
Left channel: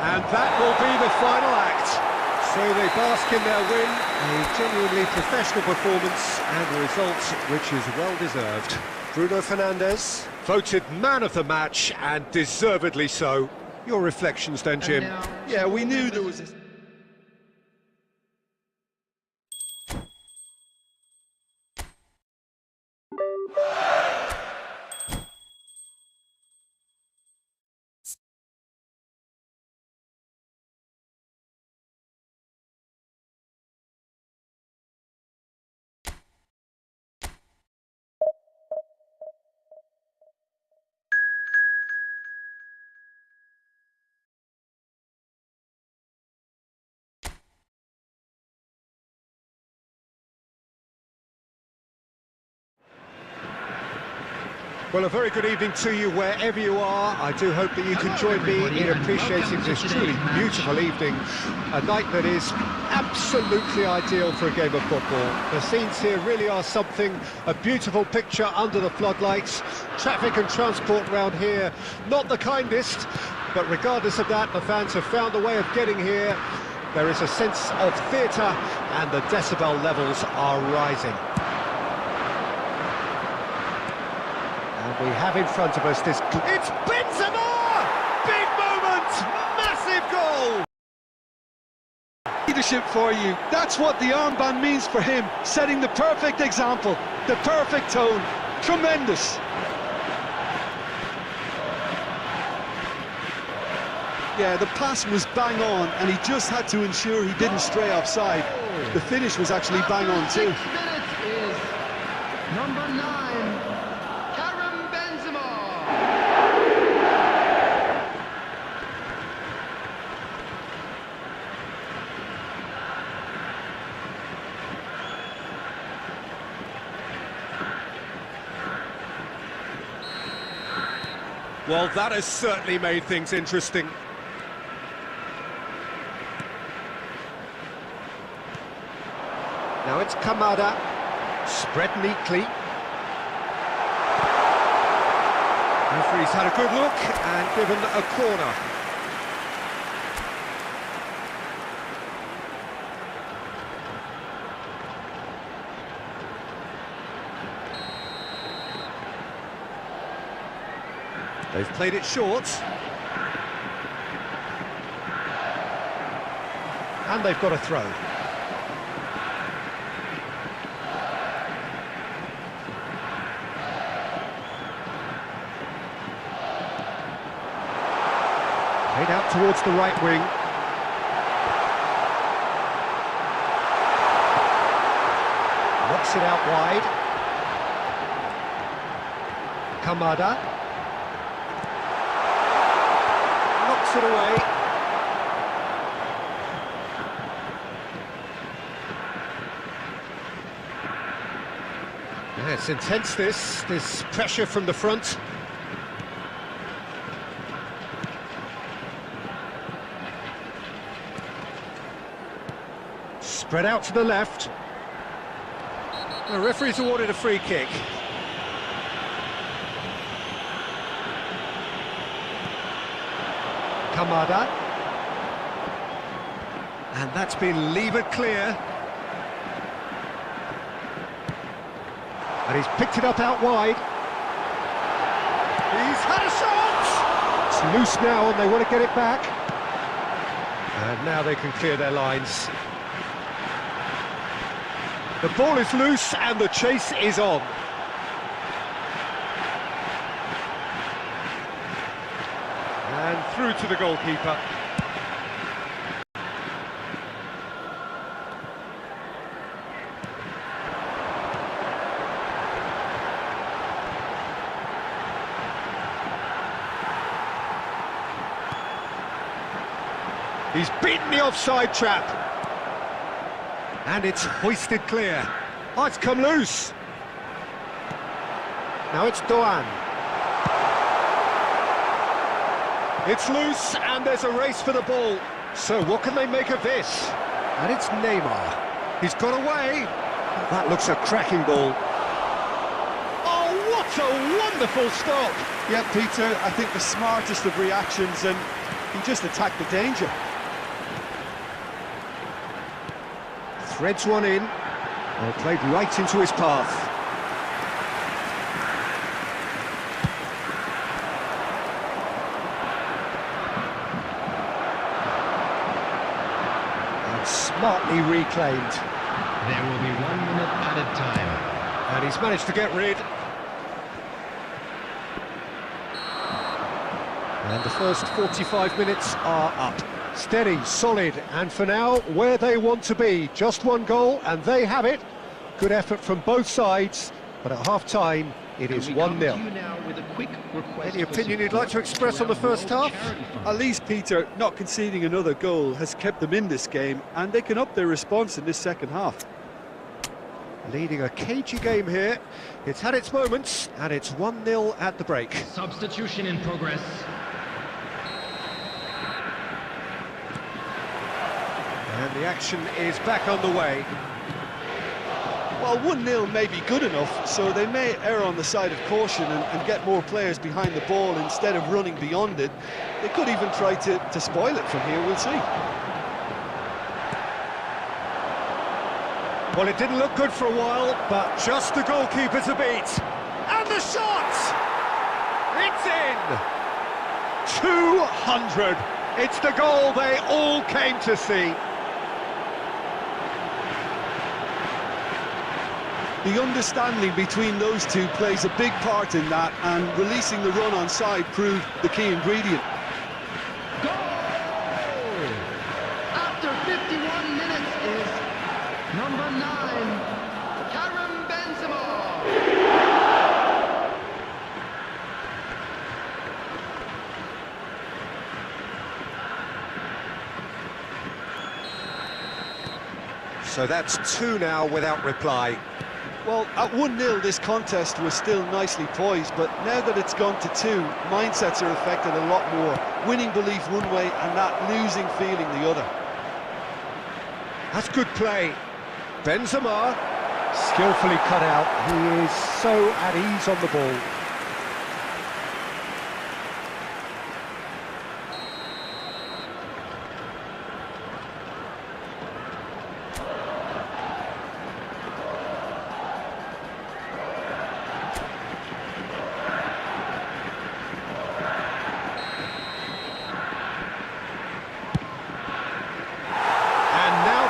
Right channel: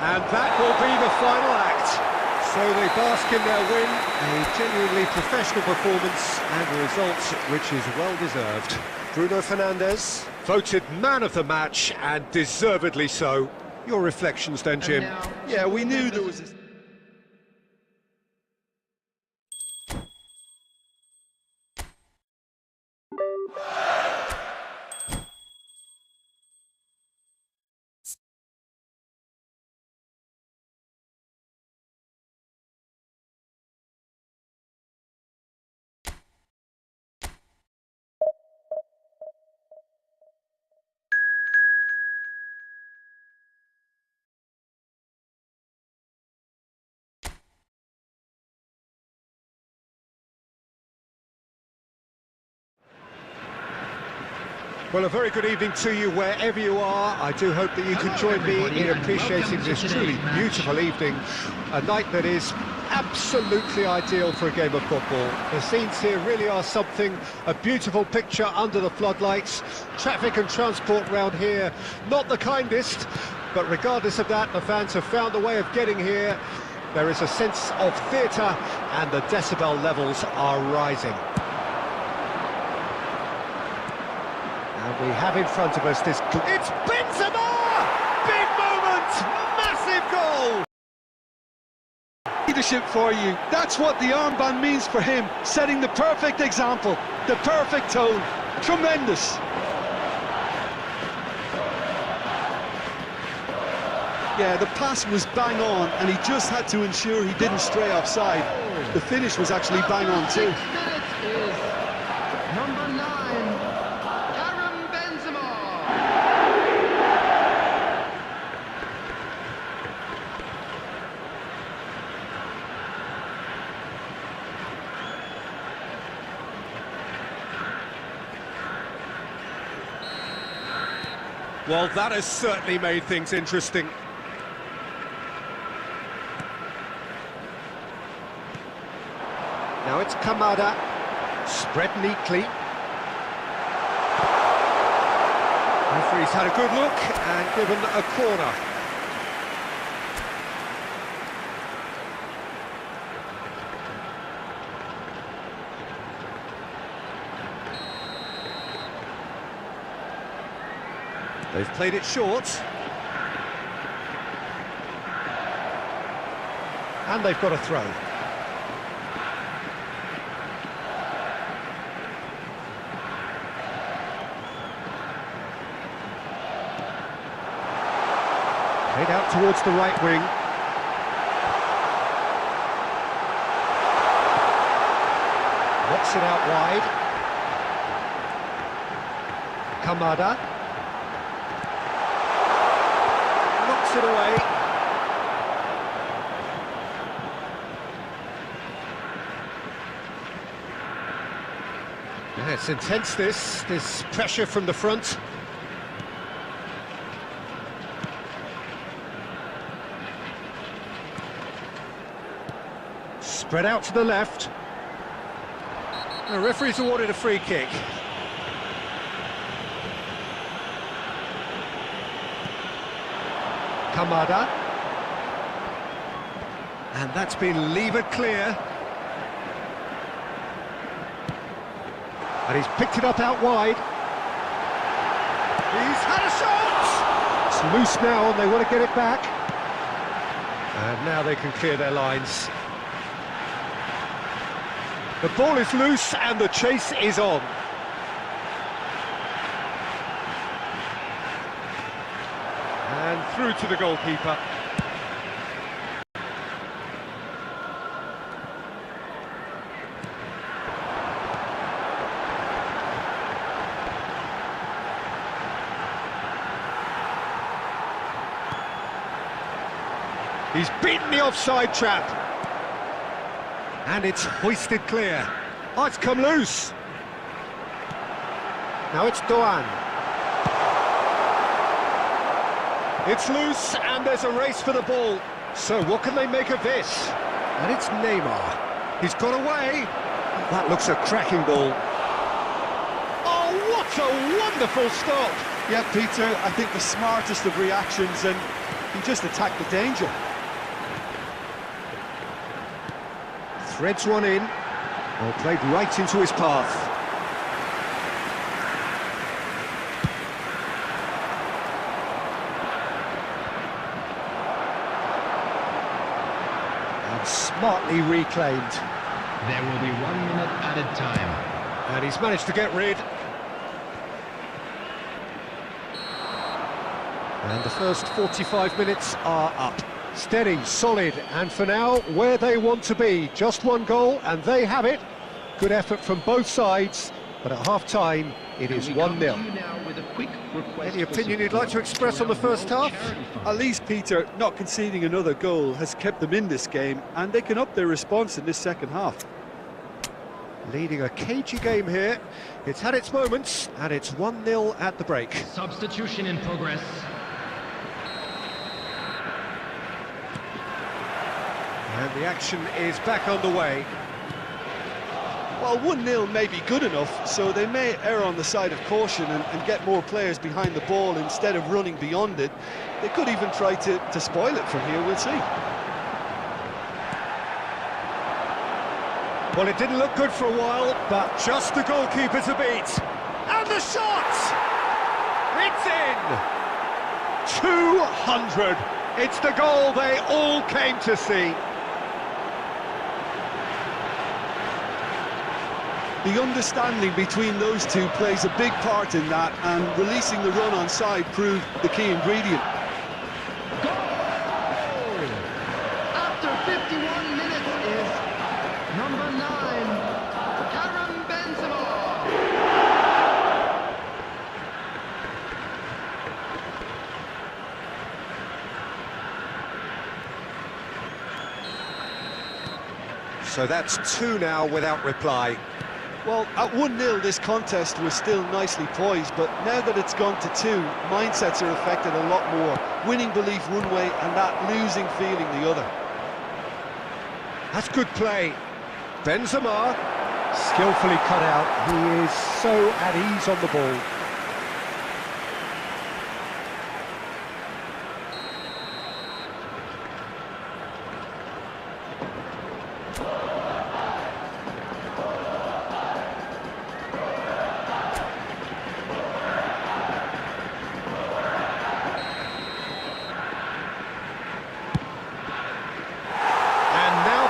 And that will be the final act. So they bask in their win, a genuinely professional performance and a result which is well deserved. Bruno Fernandes, voted man of the match and deservedly so. Your reflections then, Jim? Yeah, we knew there was this. Well, a very good evening to you wherever you are. I do hope that you can join me in appreciating this truly beautiful evening. A night that is absolutely ideal for a game of football. The scenes here really are something, a beautiful picture under the floodlights. Traffic and transport round here, not the kindest, but regardless of that, the fans have found a way of getting here. There is a sense of theatre and the decibel levels are rising. And we have in front of us this... It's Benzema! Big moment! Massive goal! Leadership for you. That's what the armband means for him. Setting the perfect example, the perfect tone. Tremendous. Yeah, the pass was bang on, and he just had to ensure he didn't stray offside. The finish was actually bang on too. 6 minutes is number 9, Benzema. Well, that has certainly made things interesting. Now it's Kamada, spread neatly. Referee's had a good look and given a corner. They've played it short. And they've got a throw. Played out towards the right wing. Knocks it out wide. Kamada. Knocks it away. Yeah, it's intense, this pressure from the front. Spread out to the left. The referee's awarded a free kick. Kamada. And that's been levered clear. And he's picked it up out wide. He's had a shot! It's loose now and they want to get it back. And now they can clear their lines. The ball is loose and the chase is on. And through to the goalkeeper. He's beaten the offside trap. And it's hoisted clear. Oh, it's come loose. Now it's Doan. It's loose and there's a race for the ball. So what can they make of this? And it's Neymar. He's got away. That looks a cracking ball. Oh, what a wonderful stop. Yeah, Peter, I think the smartest of reactions, and he just attacked the danger. Threads one in. Well, played right into his path. And smartly reclaimed. There will be 1 minute added time. And he's managed to get rid. And the first 45 minutes are up. Steady, solid, and for now, where they want to be. Just one goal, and they have it. Good effort from both sides, but at half-time, it is 1-0. Any opinion you'd like to express on the first half? At least, Peter, not conceding another goal has kept them in this game, and they can up their response in this second half. Leading a cagey game here. It's had its moments, and it's 1-0 at the break. Substitution in progress. And the action is back underway. Well, 1-0 may be good enough, so they may err on the side of caution and get more players behind the ball instead of running beyond it. They could even try to spoil it from here, we'll see. Well, it didn't look good for a while, but just the goalkeeper to beat. And the shot! It's in! 200! It's the goal they all came to see. The understanding between those two plays a big part in that, and releasing the run on side proved the key ingredient. Goal! After 51 minutes is number 9, Karim Benzema. So that's 2 now without reply. Well, at 1-0 this contest was still nicely poised, but now that it's gone to 2, mindsets are affected a lot more. Winning belief one way and that losing feeling the other. That's good play. Benzema, skillfully cut out. He is so at ease on the ball.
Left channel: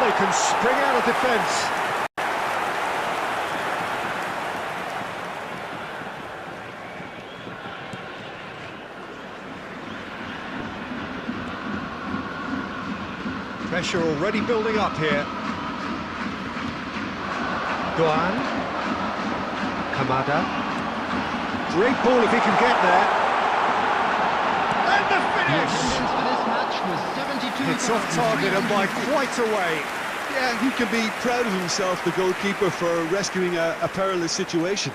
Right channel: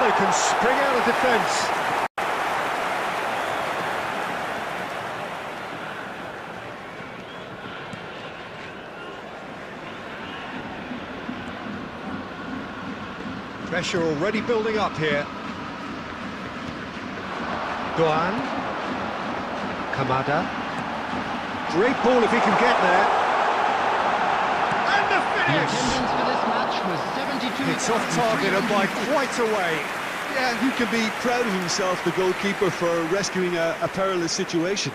They can spring out of defence. Pressure already building up here. Doan. Kamada. Great ball if he can get there. And the finish! The attendance for this match was 72,300. It's off target and by quite a way. Yeah, he can be proud of himself, the goalkeeper, for rescuing a perilous situation.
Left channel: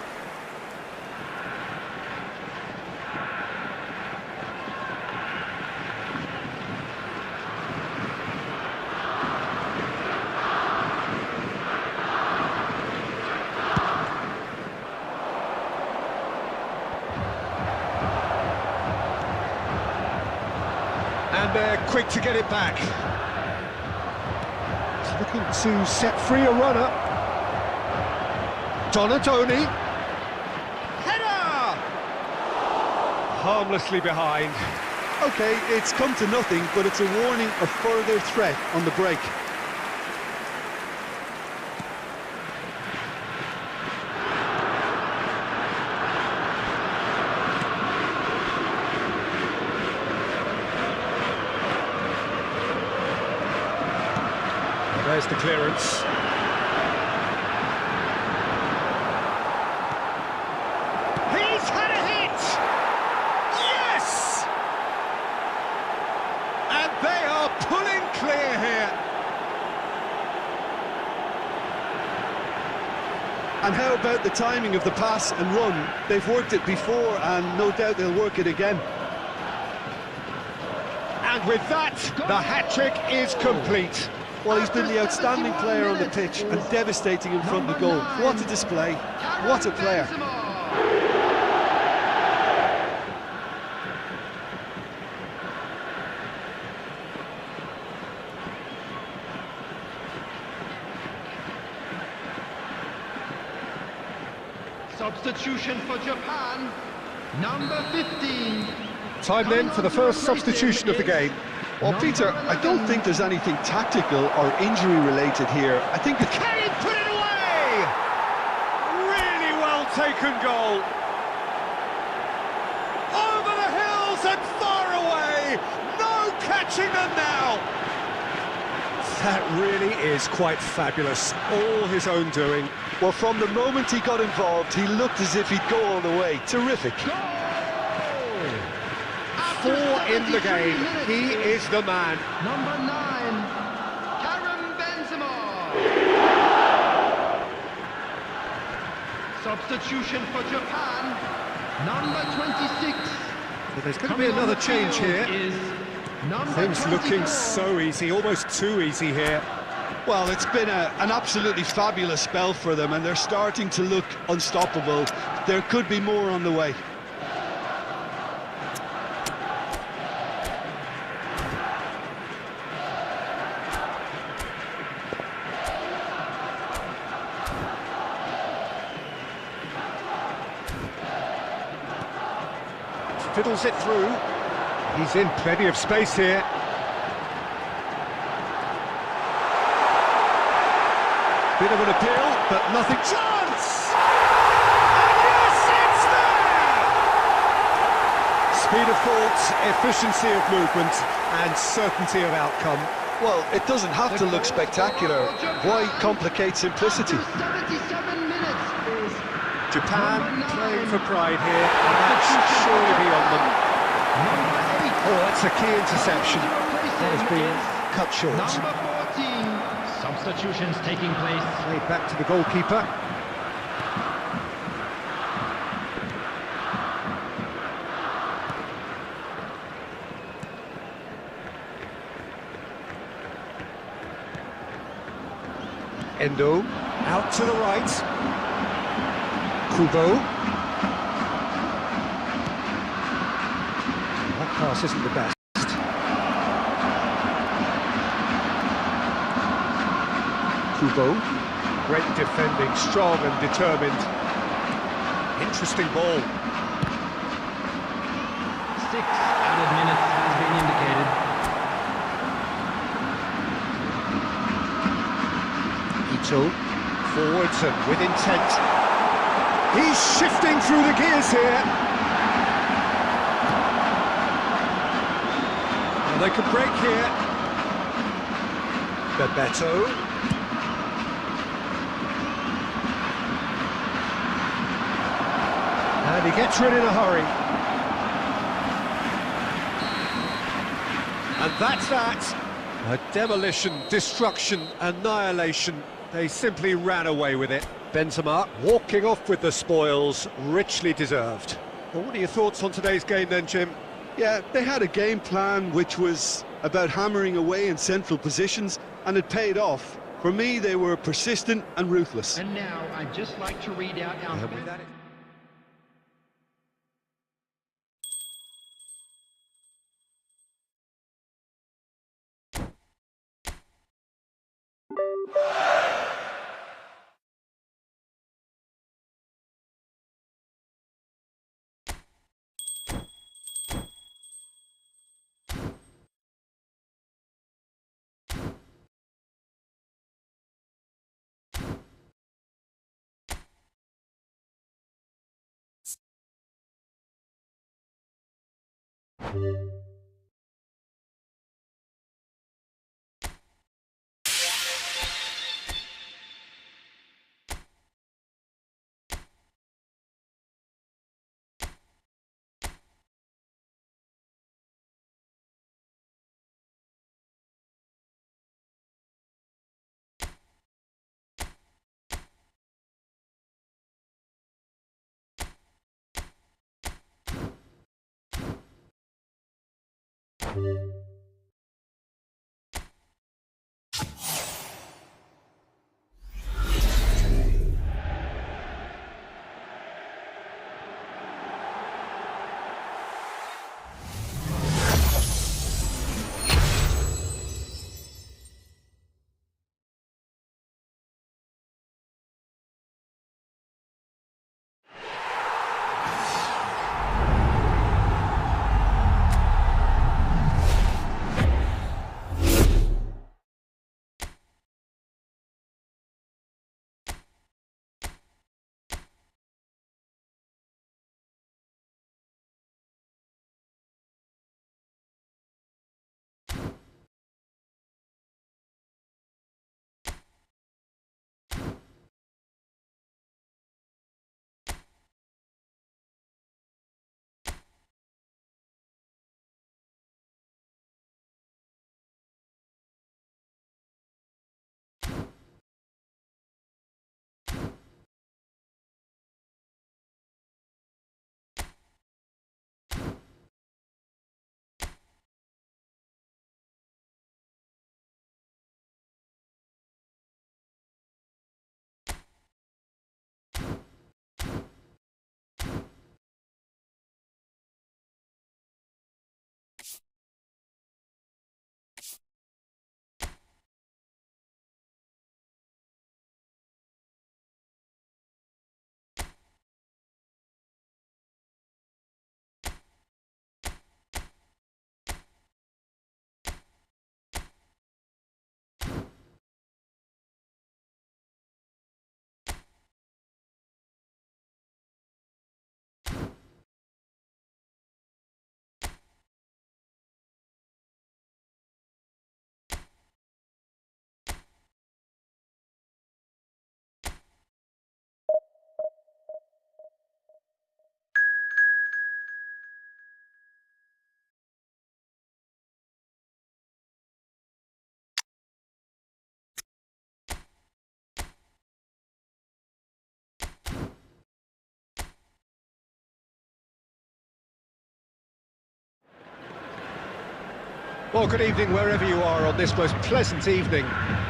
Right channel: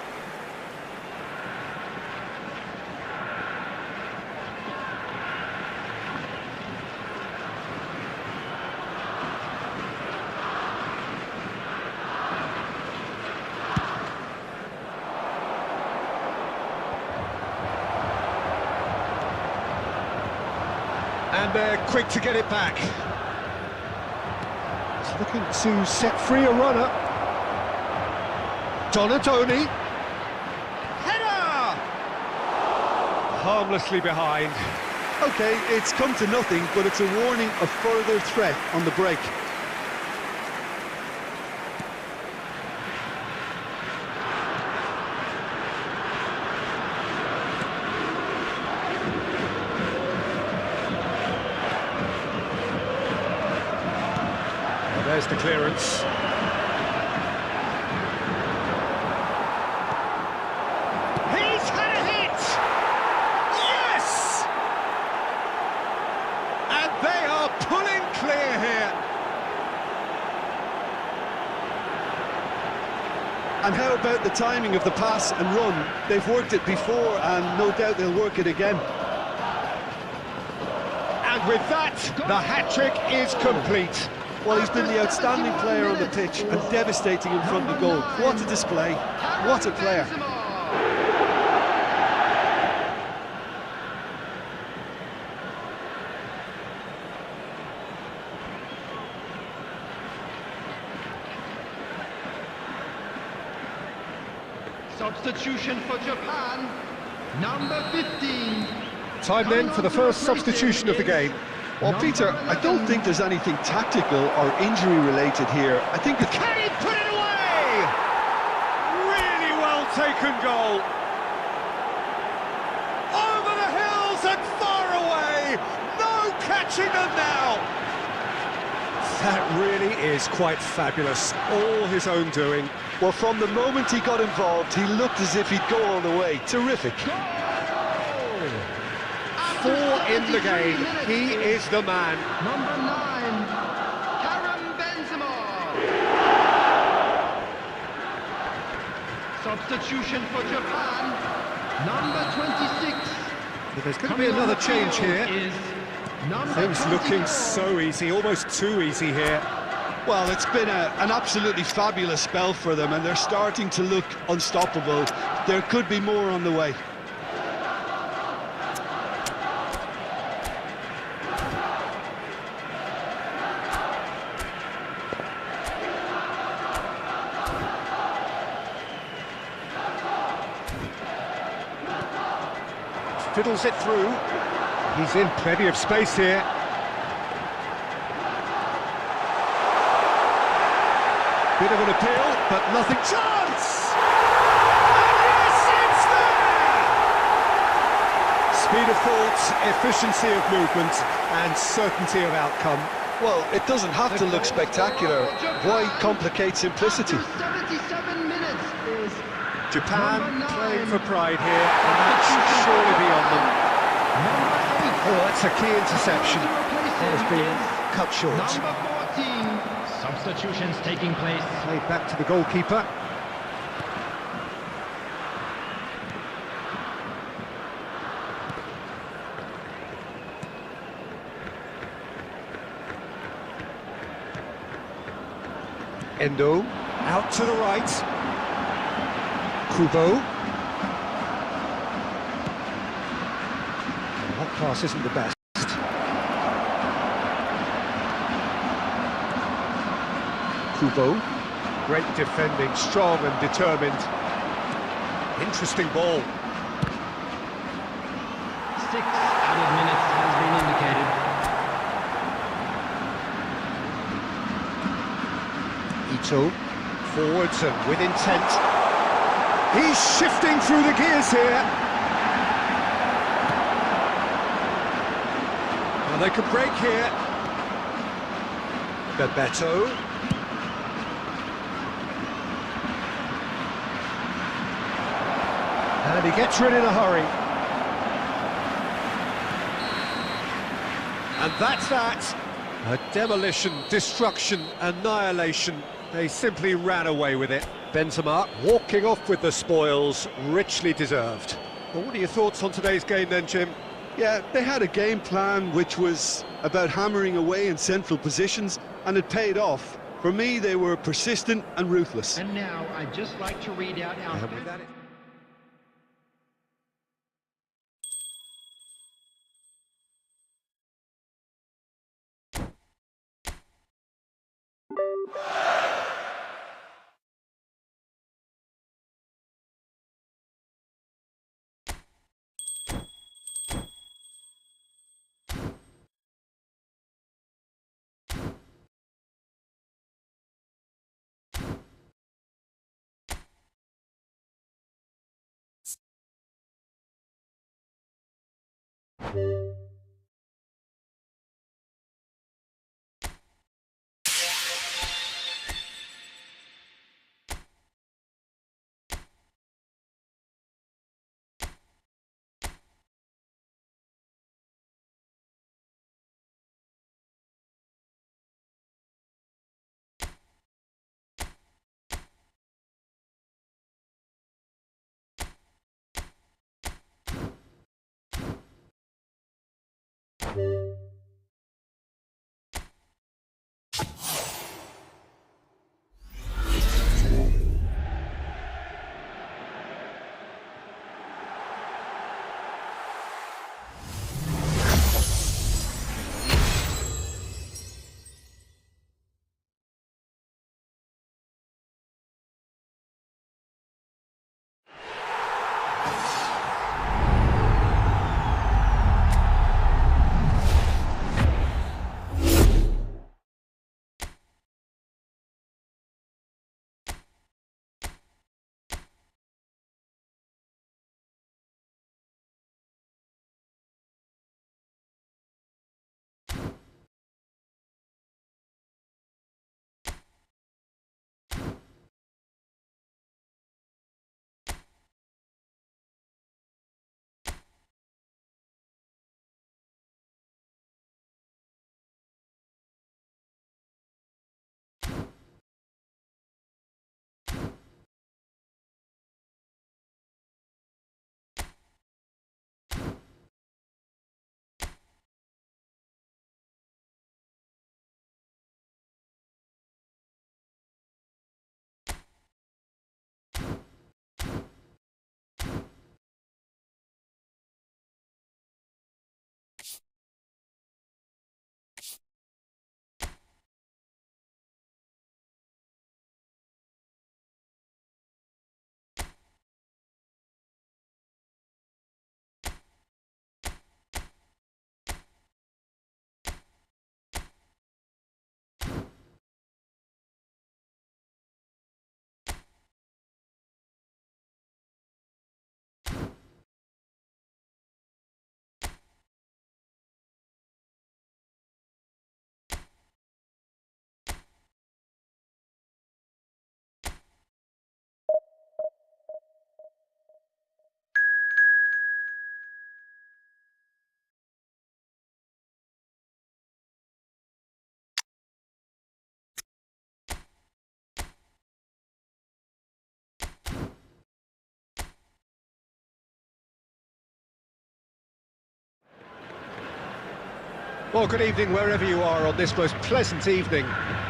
And they're quick to get it back. He's looking to set free a runner. Donatoni. Header! Harmlessly behind. OK, it's come to nothing, but it's a warning of further threat on the break. There's the clearance. He's had a hit! Yes! And they are pulling clear here. And how about the timing of the pass and run? They've worked it before and no doubt they'll work it again. And with that, the hat-trick is complete. Well, he's been the outstanding player on the pitch and devastating in front of the goal. What a display, what a player. Substitution for Japan, number 15. Time then for the first substitution of the game. Well, Peter, I don't think there's anything tactical or injury-related here. I think it's... Can he put it away? Really well taken goal. Over the hills and far away. No catching them now. That really is quite fabulous. All his own doing. Well, from the moment he got involved, he looked as if he'd go all the way. Terrific. Four in the game. He is the man. Number 9, Karim Benzema. Substitution for Japan, number 26. But there's going to be another change here. Things looking so easy, almost too easy here. Well, it's been an absolutely fabulous spell for them, and they're starting to look unstoppable. There could be more on the way. Fiddles it through. He's in plenty of space here. Bit of an appeal, but nothing. Chance! And yes, it's there! Speed of thought, efficiency of movement, and certainty of outcome. Well, it doesn't have to look spectacular. Why complicate simplicity? After 77 minutes is Japan playing for pride here, and that should surely be on them. number 8. Oh, that's a key interception. That has been cut short. Number 14. Substitutions taking place. Played back to the goalkeeper. Endo, out to the right. Kubo. That pass isn't the best. Kubo. Great defending, strong and determined. Interesting ball. 6 added minutes has been indicated. Ito, forwards and with intent. He's shifting through the gears here. Well, they could break here. Bebeto. And he gets rid in a hurry. And that's that. A demolition, destruction, annihilation. They simply ran away with it. Benzema walking off with the spoils, richly deserved. Well, what are your thoughts on today's game then, Jim? Yeah, they had a game plan which was about hammering away in central positions, and it paid off. For me, they were persistent and ruthless. And now I'd just like to read out our... And with that, Well, good evening wherever you are on this most pleasant evening.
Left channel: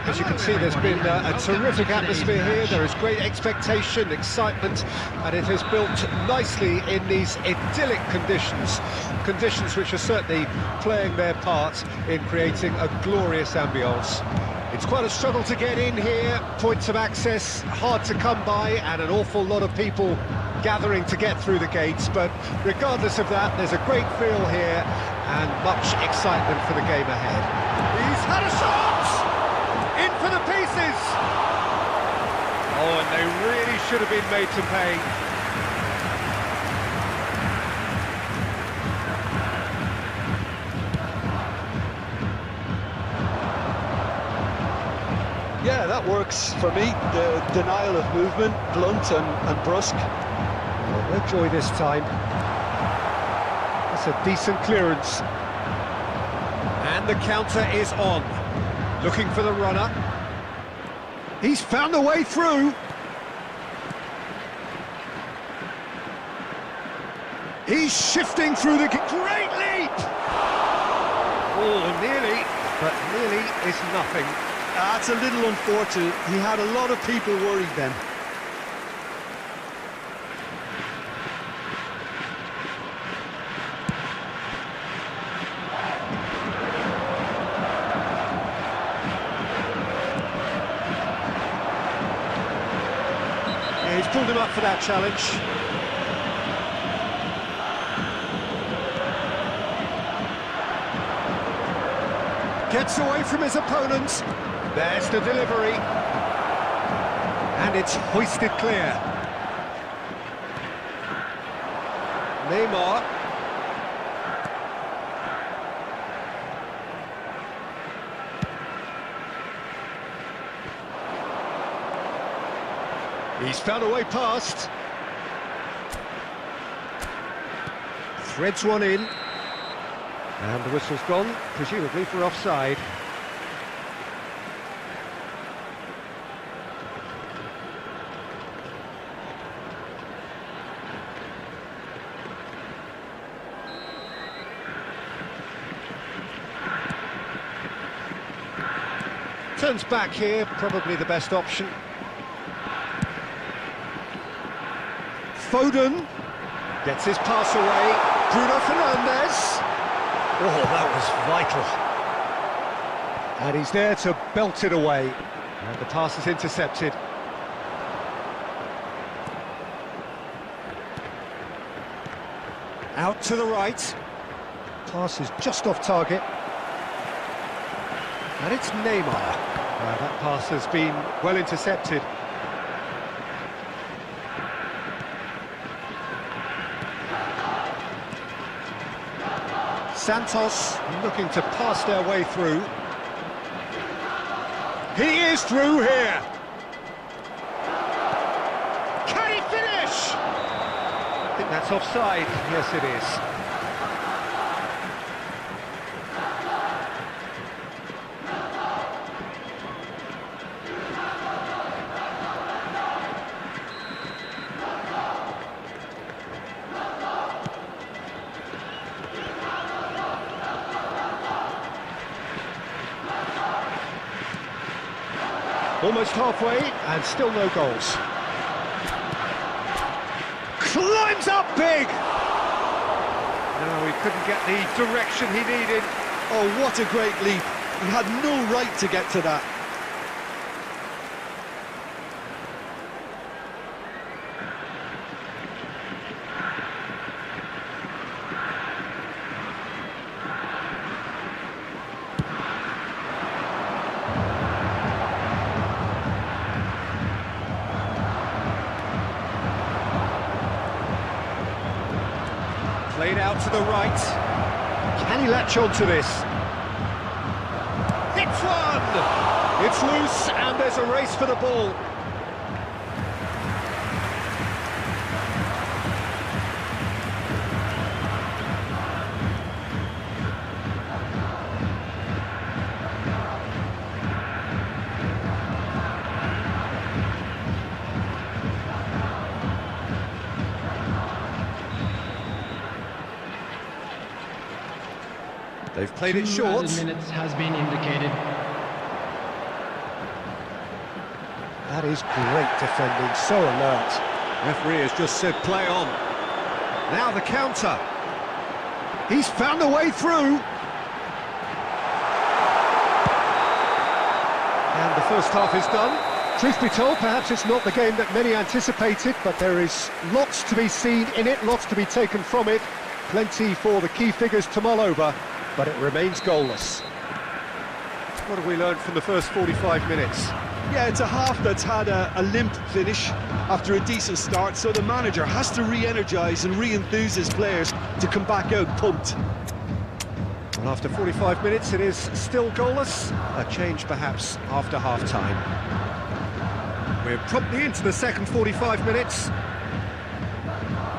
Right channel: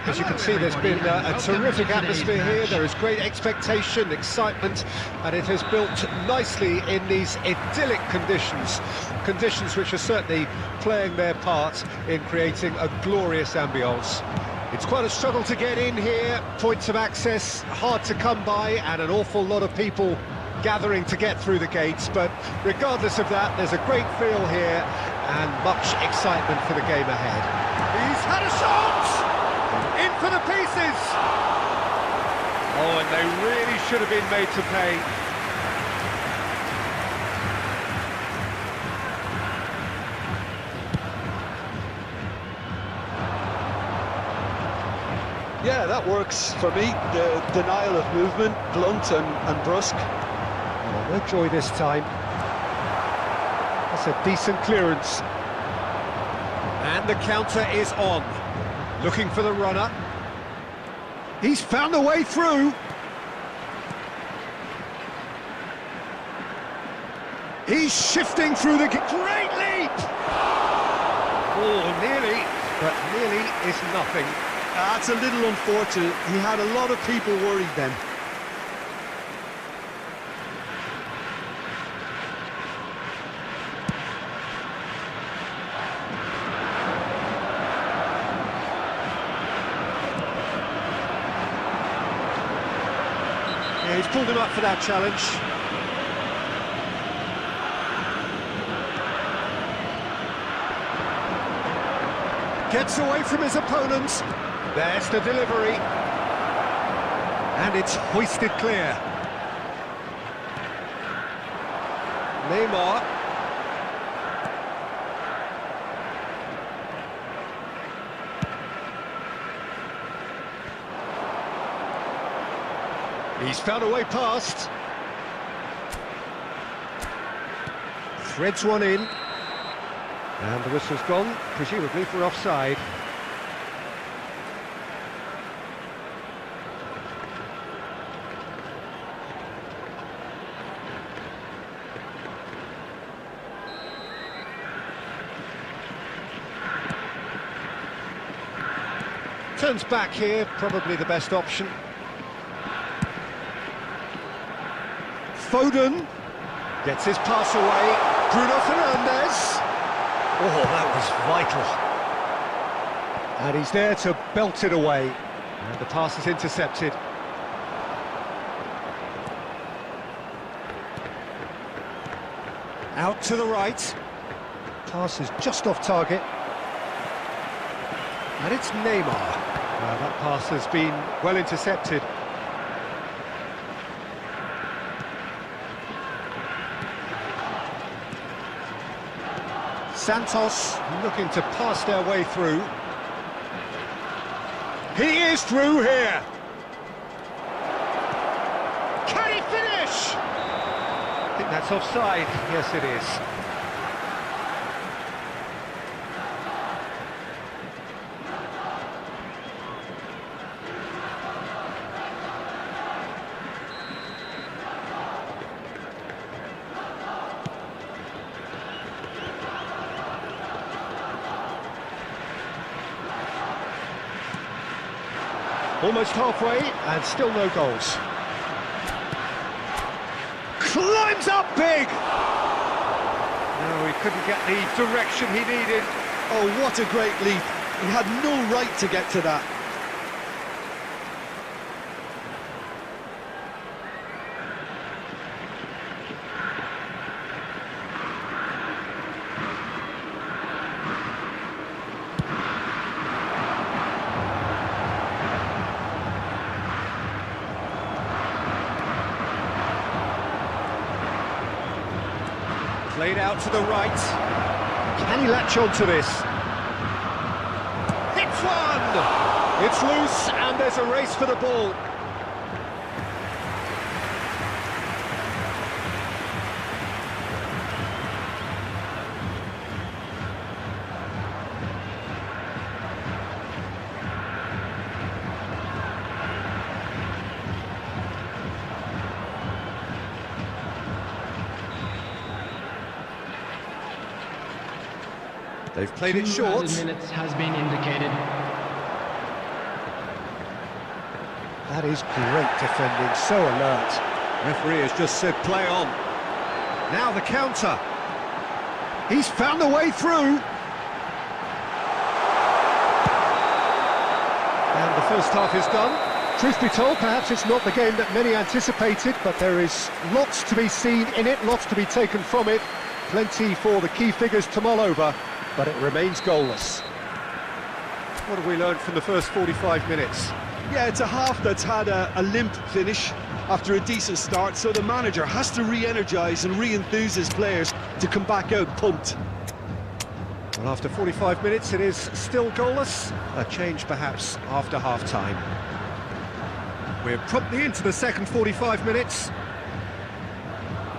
As you can see, there's been a terrific atmosphere here. There is great expectation, excitement, and it has built nicely in these idyllic conditions. Conditions which are certainly playing their part in creating a glorious ambience. It's quite a struggle to get in here, points of access hard to come by, and an awful lot of people gathering to get through the gates, but regardless of that, there's a great feel here and much excitement for the game ahead. He's had a shot! In for the pieces! Oh, and they really should have been made to pay. Yeah, that works for me. The denial of movement, blunt and brusque. Oh, no joy this time. That's a decent clearance. And the counter is on. Looking for the runner. He's found a way through. He's shifting through the... Great leap! Oh, nearly, but nearly is nothing. That's a little unfortunate. He had a lot of people worried then. Yeah, he's pulled him up for that challenge. Gets away from his opponents. There's the delivery. And it's hoisted clear. Neymar. He's found a way past. Threads one in. And the whistle's gone, presumably for offside. Turns back here, probably the best option. Foden gets his pass away. Bruno Fernandes. Oh, that was vital. And he's there to belt it away. And the pass is intercepted. Out to the right. Pass is just off target. And it's Neymar. That pass has been well intercepted. Santos looking to pass their way through. He is through here. Can he finish? I think that's offside. Yes, it is. Almost halfway, and still no goals. Climbs up big! No, he couldn't get the direction he needed. Oh, what a great leap. He had no right to get to that. Played out to the right. Can he latch on to this? Hits one! It's loose, and there's a race for the ball. They've played it short. 2 minutes has been indicated. That is great defending, so alert. Referee has just said play on. Now the counter. He's found a way through. And the first half is done. Truth be told, perhaps it's not the game that many anticipated, but there is lots to be seen in it, lots to be taken from it. Plenty for the key figures to mull over, but it remains goalless. What have we learned from the first 45 minutes? Yeah, it's a half that's had a limp finish after a decent start, so the manager has to re-energise and re-enthuse his players to come back out pumped. Well, after 45 minutes, it is still goalless. A change, perhaps, after half-time. We're promptly into the second 45 minutes.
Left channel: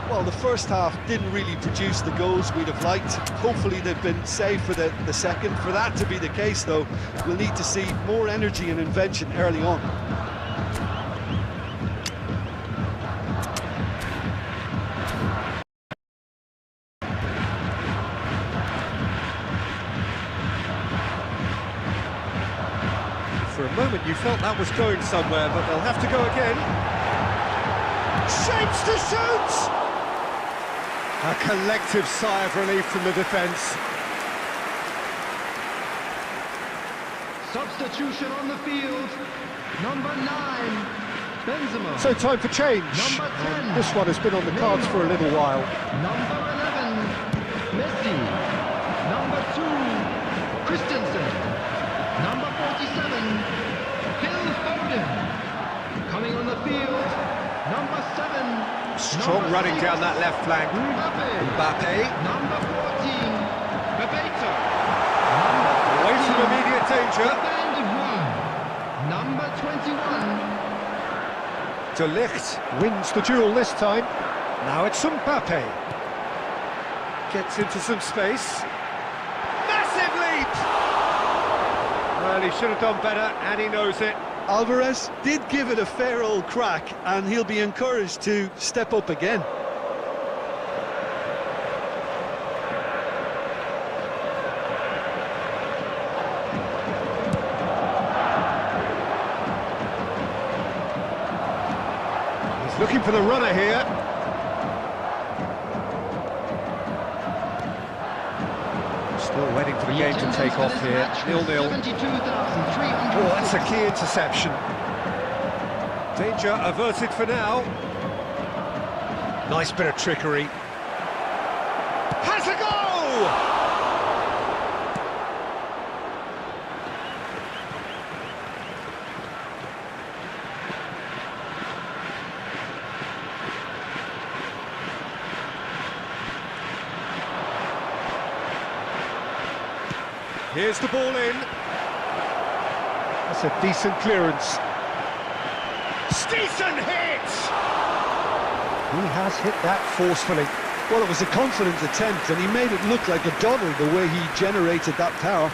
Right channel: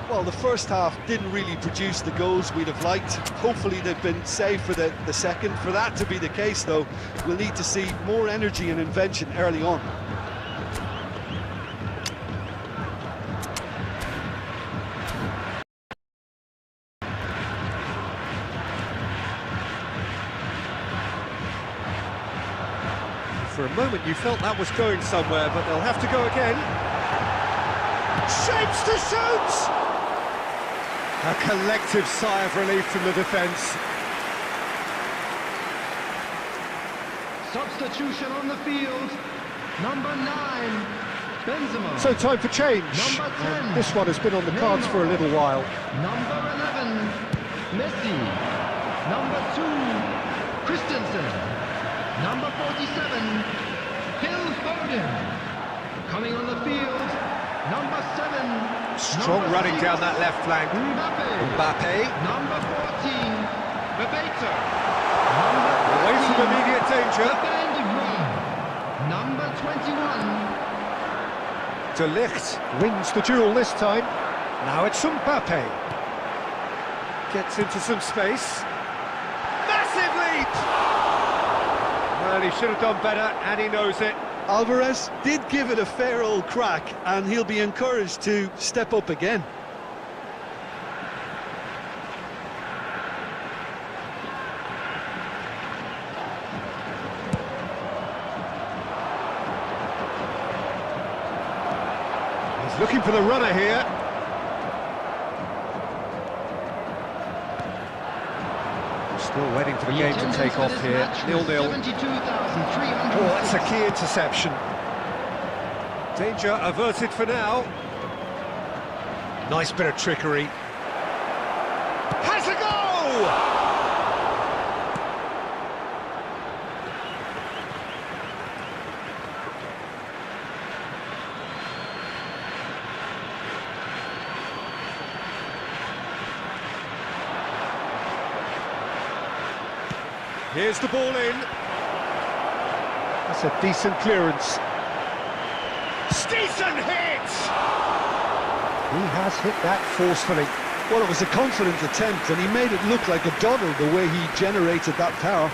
Well, the first half didn't really produce the goals we'd have liked. Hopefully they've been saved for the second. For that to be the case, though, we'll need to see more energy and invention early on. For a moment you felt that was going somewhere, but they'll have to go again. Shapes to shoot! A collective sigh of relief from the defence. Substitution on the field. Number 9, Benzema. So time for change. Number 10. And this one has been on the cards for a little while. Number 11, Messi. Number 2, Christensen. Number 47, Phil Foden. Coming on the field, number 7. Strong number running 6, down that left flank. Mbappe. Number 14, Bebeto. Number 13, Away from immediate danger. Bandit run. Number 21. De Ligt wins the duel this time. Now it's Mbappe. Gets into some space. Massive leap! Well, he should have done better, and he knows it. Alvarez did give it a fair old crack, and he'll be encouraged to step up again. looking for the runner here. Still waiting for the game to take off here. 0-0. Oh, that's a key interception. Danger averted for now. Nice bit of trickery. Has a go! Here's the ball in. That's a decent clearance. Decent hit! He has hit that forcefully. Well, it was a confident attempt, and he made it look like a doddle the way he generated that power.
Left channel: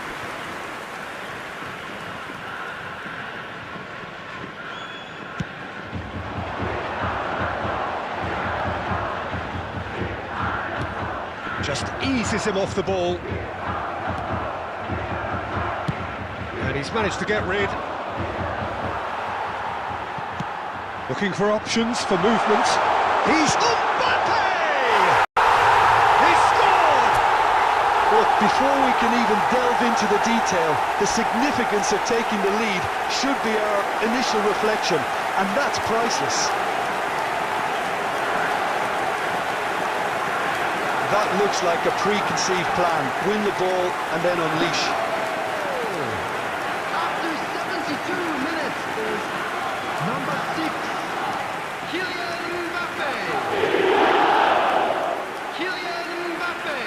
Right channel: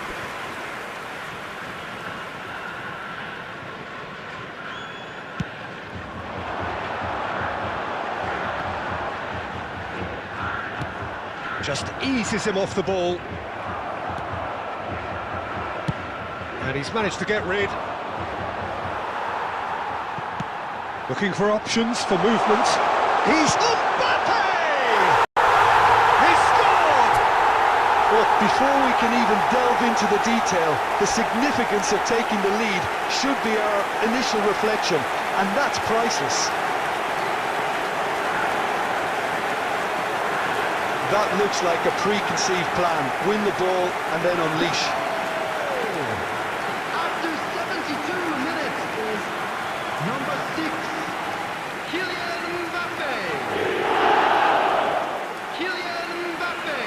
Just eases him off the ball. And he's managed to get rid. Looking for options for movement. He's Mbappe! He scored! Well, before we can even delve into the detail, the significance of taking the lead should be our initial reflection, and that's priceless. That looks like a preconceived plan. Win the ball and then unleash. After 72 minutes is number 6, Kylian Mbappe. Kylian Mbappe.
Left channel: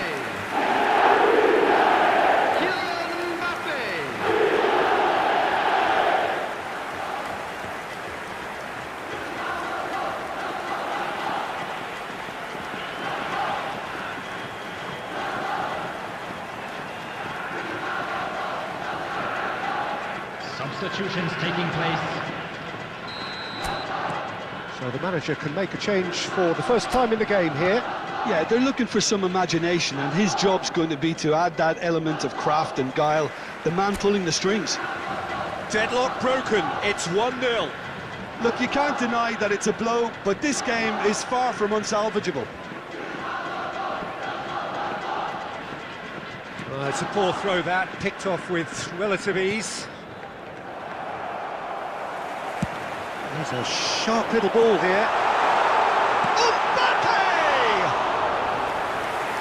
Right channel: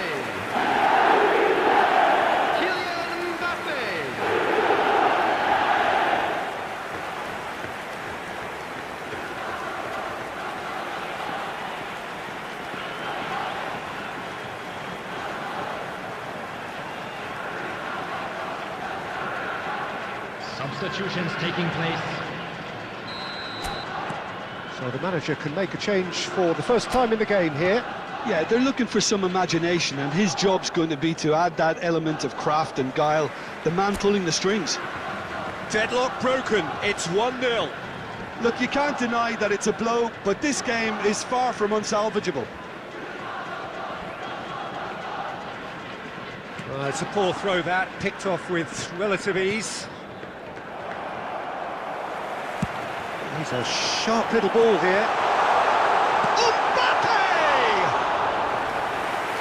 Kylian Mbappe. Substitutions taking place. So the manager can make a change for the first time in the game here. Yeah, they're looking for some imagination, and his job's going to be to add that element of craft and guile, the man pulling the strings. Deadlock broken, it's 1-0. Look, you can't deny that it's a blow, but this game is far from unsalvageable. It's a poor throw that, picked off with relative ease. He's a sharp little ball here. Mbappe!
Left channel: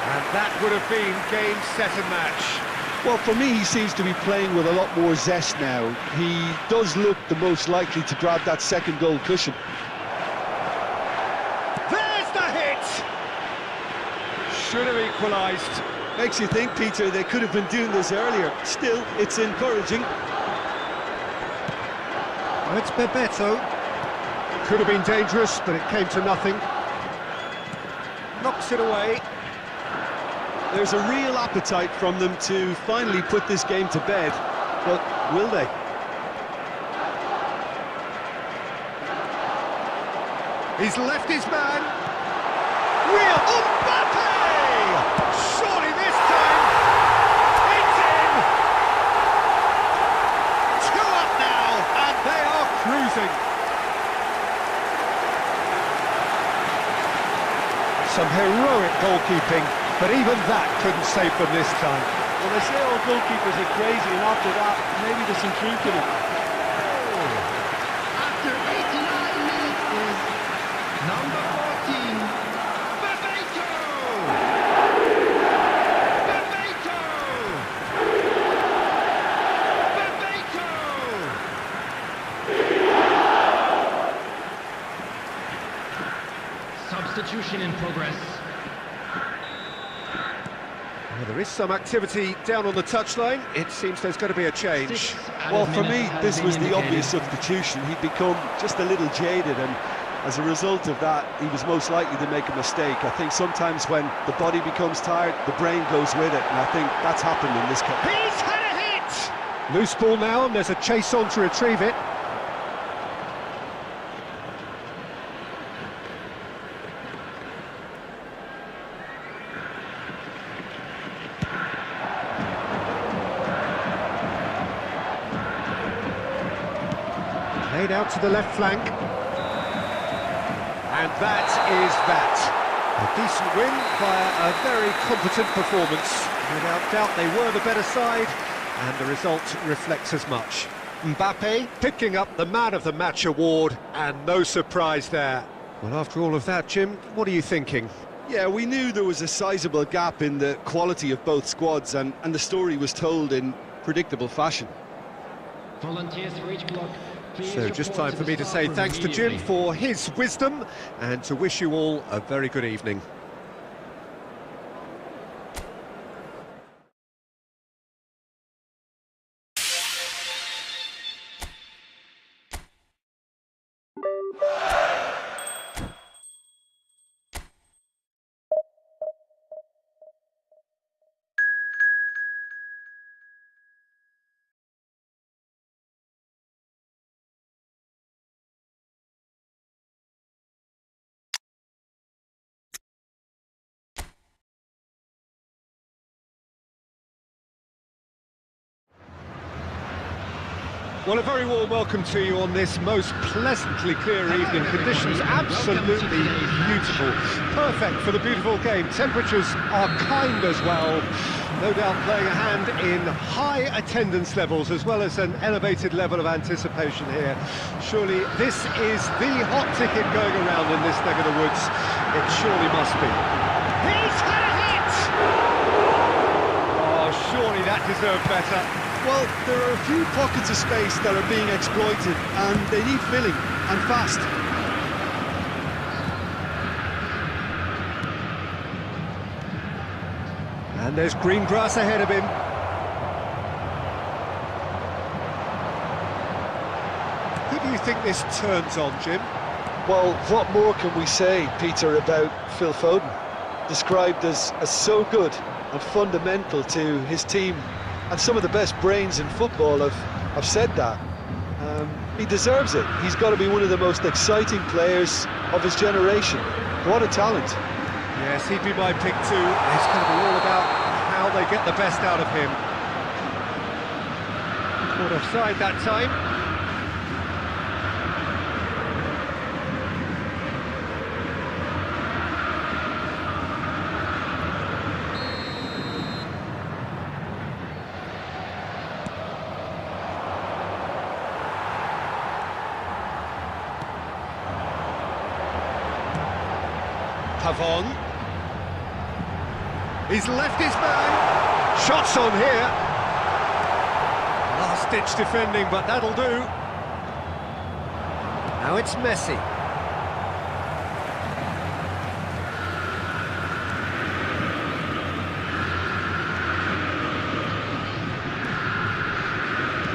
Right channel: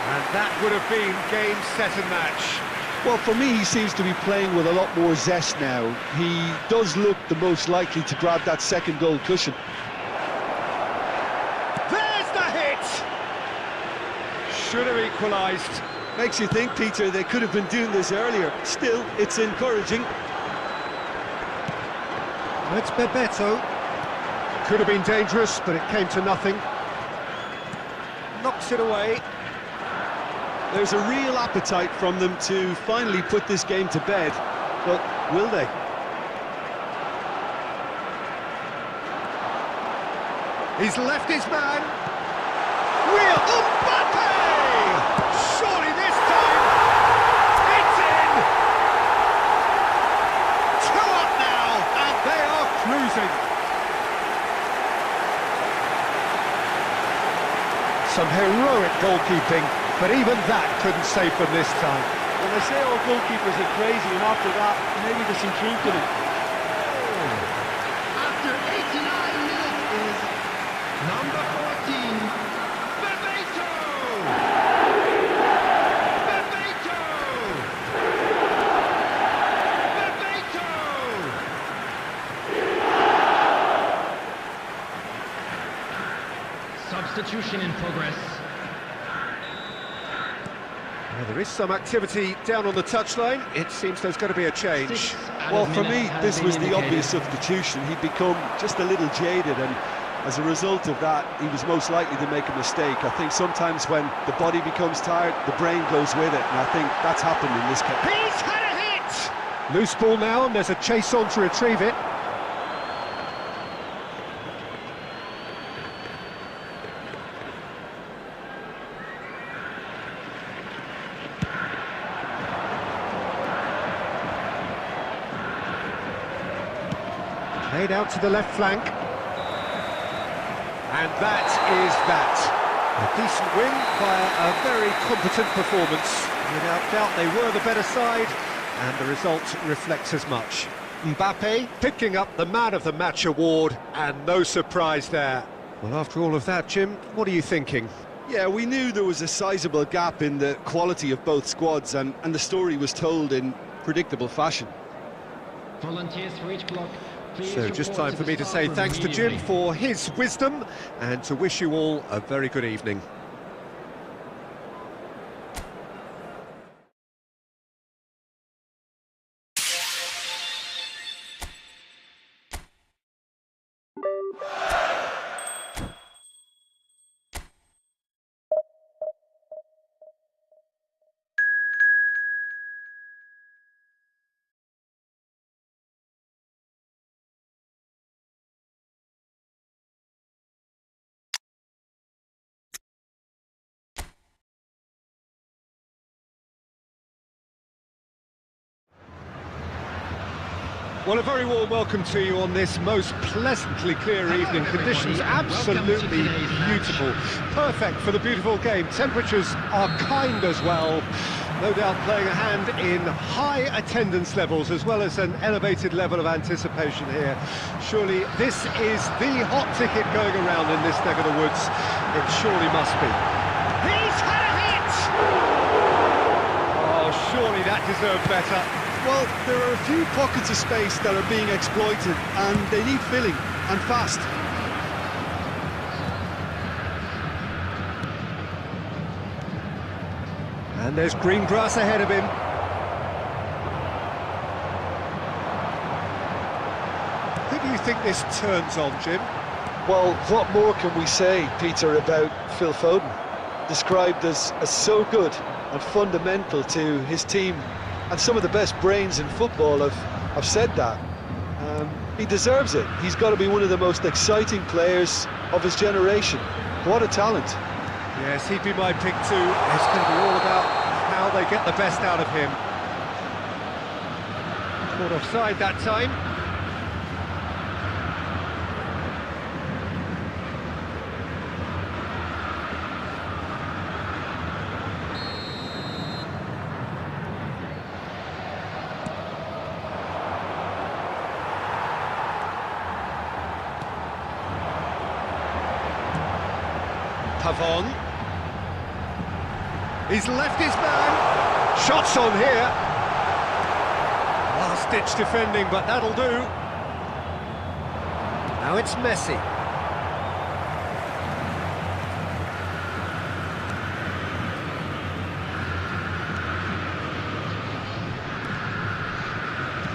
And that would have been game, set and match. Well, for me, he seems to be playing with a lot more zest now. He does look the most likely to grab that second goal cushion. There's the hit! Should have equalised. Makes you think, Peter, they could have been doing this earlier. Still, it's encouraging. It's Bebeto. Could have been dangerous, but it came to nothing. Knocks it away. There's a real appetite from them to finally put this game to bed, but will they? He's left his man. Real Mbappe! Surely this time, it's in! 2 up now, and they are cruising. Some heroic goalkeeping, but even that couldn't save them this time. Well, they say all goalkeepers are crazy, and after that, maybe there's some truth in it. After 89 minutes is number 14, Bebeto. Bebeto. Bebeto. Substitution in progress. Well, there is some activity down on the touchline. It seems there's going to be a change. Well, for me, this was the obvious substitution. He'd become just a little jaded, and as a result of that, he was most likely to make a mistake. I think sometimes when the body becomes tired, the brain goes with it, and I think that's happened in this case. He's had a hit! Loose ball now, and there's a chase on to retrieve it. Played out to the left flank. And that is that. A decent win via a very competent performance. Without doubt, they were the better side, and the result reflects as much. Mbappe picking up the Man of the Match award, and no surprise there. Well, after all of that, Jim, what are you thinking? Yeah, we knew there was a sizable gap in the quality of both squads, and the story was told in predictable fashion. Volunteers for each block. Please So just report time for me to the say staff thanks to immediately. Jim for his wisdom, and to wish you all a very good evening. Well, a very warm welcome to you on this most pleasantly clear evening. Conditions absolutely beautiful. Perfect for the beautiful game. Temperatures are kind as well. No doubt playing a hand in high attendance levels as well as an elevated level of anticipation here. Surely this is the hot ticket going around in this neck of the woods. It surely must be. He's had a hit! Oh, surely that deserved better. Well, there are a few pockets of space that are being exploited, and they need filling, and fast. And there's green grass ahead of him. Who do you think this turns on, Jim? Well, what more can we say, Peter, about Phil Foden? Described as so good and fundamental to his team, and some of the best brains in football have said that. He deserves it. He's got to be one of the most exciting players of his generation. What a talent. Yes, he'd be my pick too. It's going to be all about how they get the best out of him. Caught offside that time. Pavon. He's left his man. Shots on here. Last-ditch defending, but that'll do. Now it's Messi.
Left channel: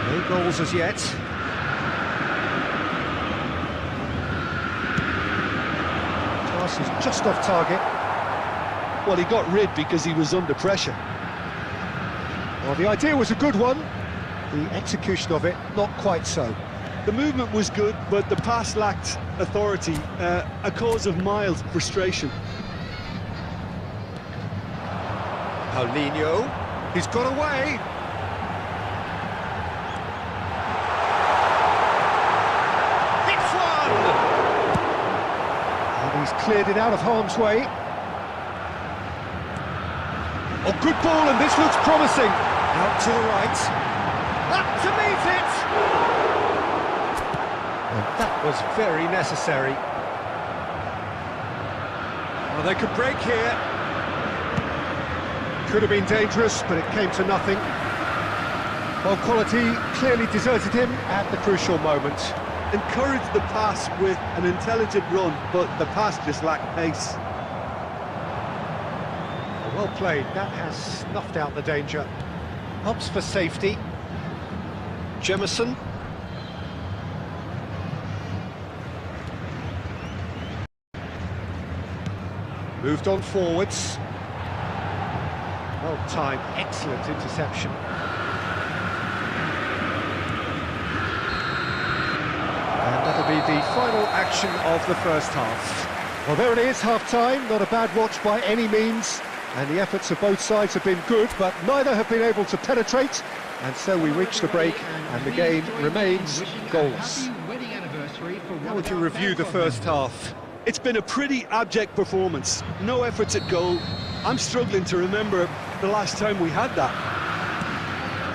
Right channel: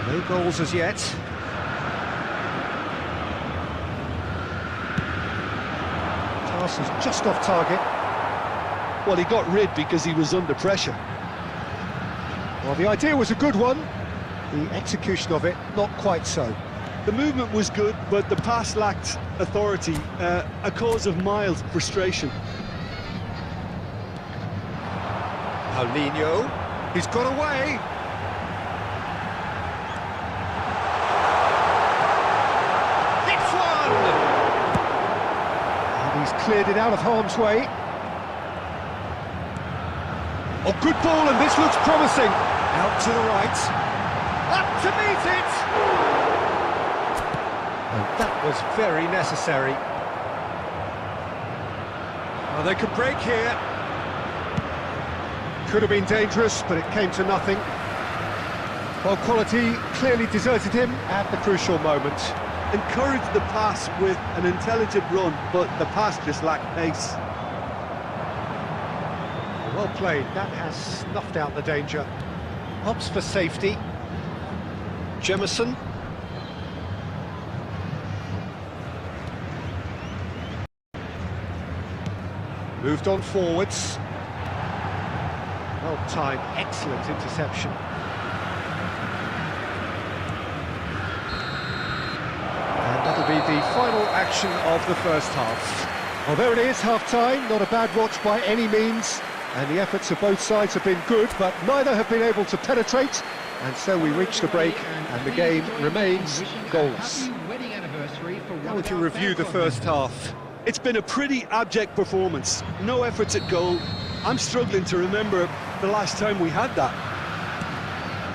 No goals as yet. Pass is just off target. Well, he got rid because he was under pressure. Well, the idea was a good one. The execution of it, not quite so. The movement was good, but the pass lacked authority, a cause of mild frustration. Paulinho, he's got away. It's one! And he's cleared it out of harm's way. Oh, good ball, and this looks promising. Out to the right. Up to meet it! And that was very necessary. Well, they could break here. Could have been dangerous, but it came to nothing. Well, quality clearly deserted him at the crucial moment. Encouraged the pass with an intelligent run, but the pass just lacked pace. Well played, that has snuffed out the danger. Helps for safety. Jemison. Moved on forwards. Well timed, excellent interception. And that'll be the final action of the first half. Well, there it is, half-time. Not a bad watch by any means. And the efforts of both sides have been good, but neither have been able to penetrate. And so we reach the break, and the game remains goalless. How would you review the first half? It's been a pretty abject performance. No efforts at goal. I'm struggling to remember the last time we had that.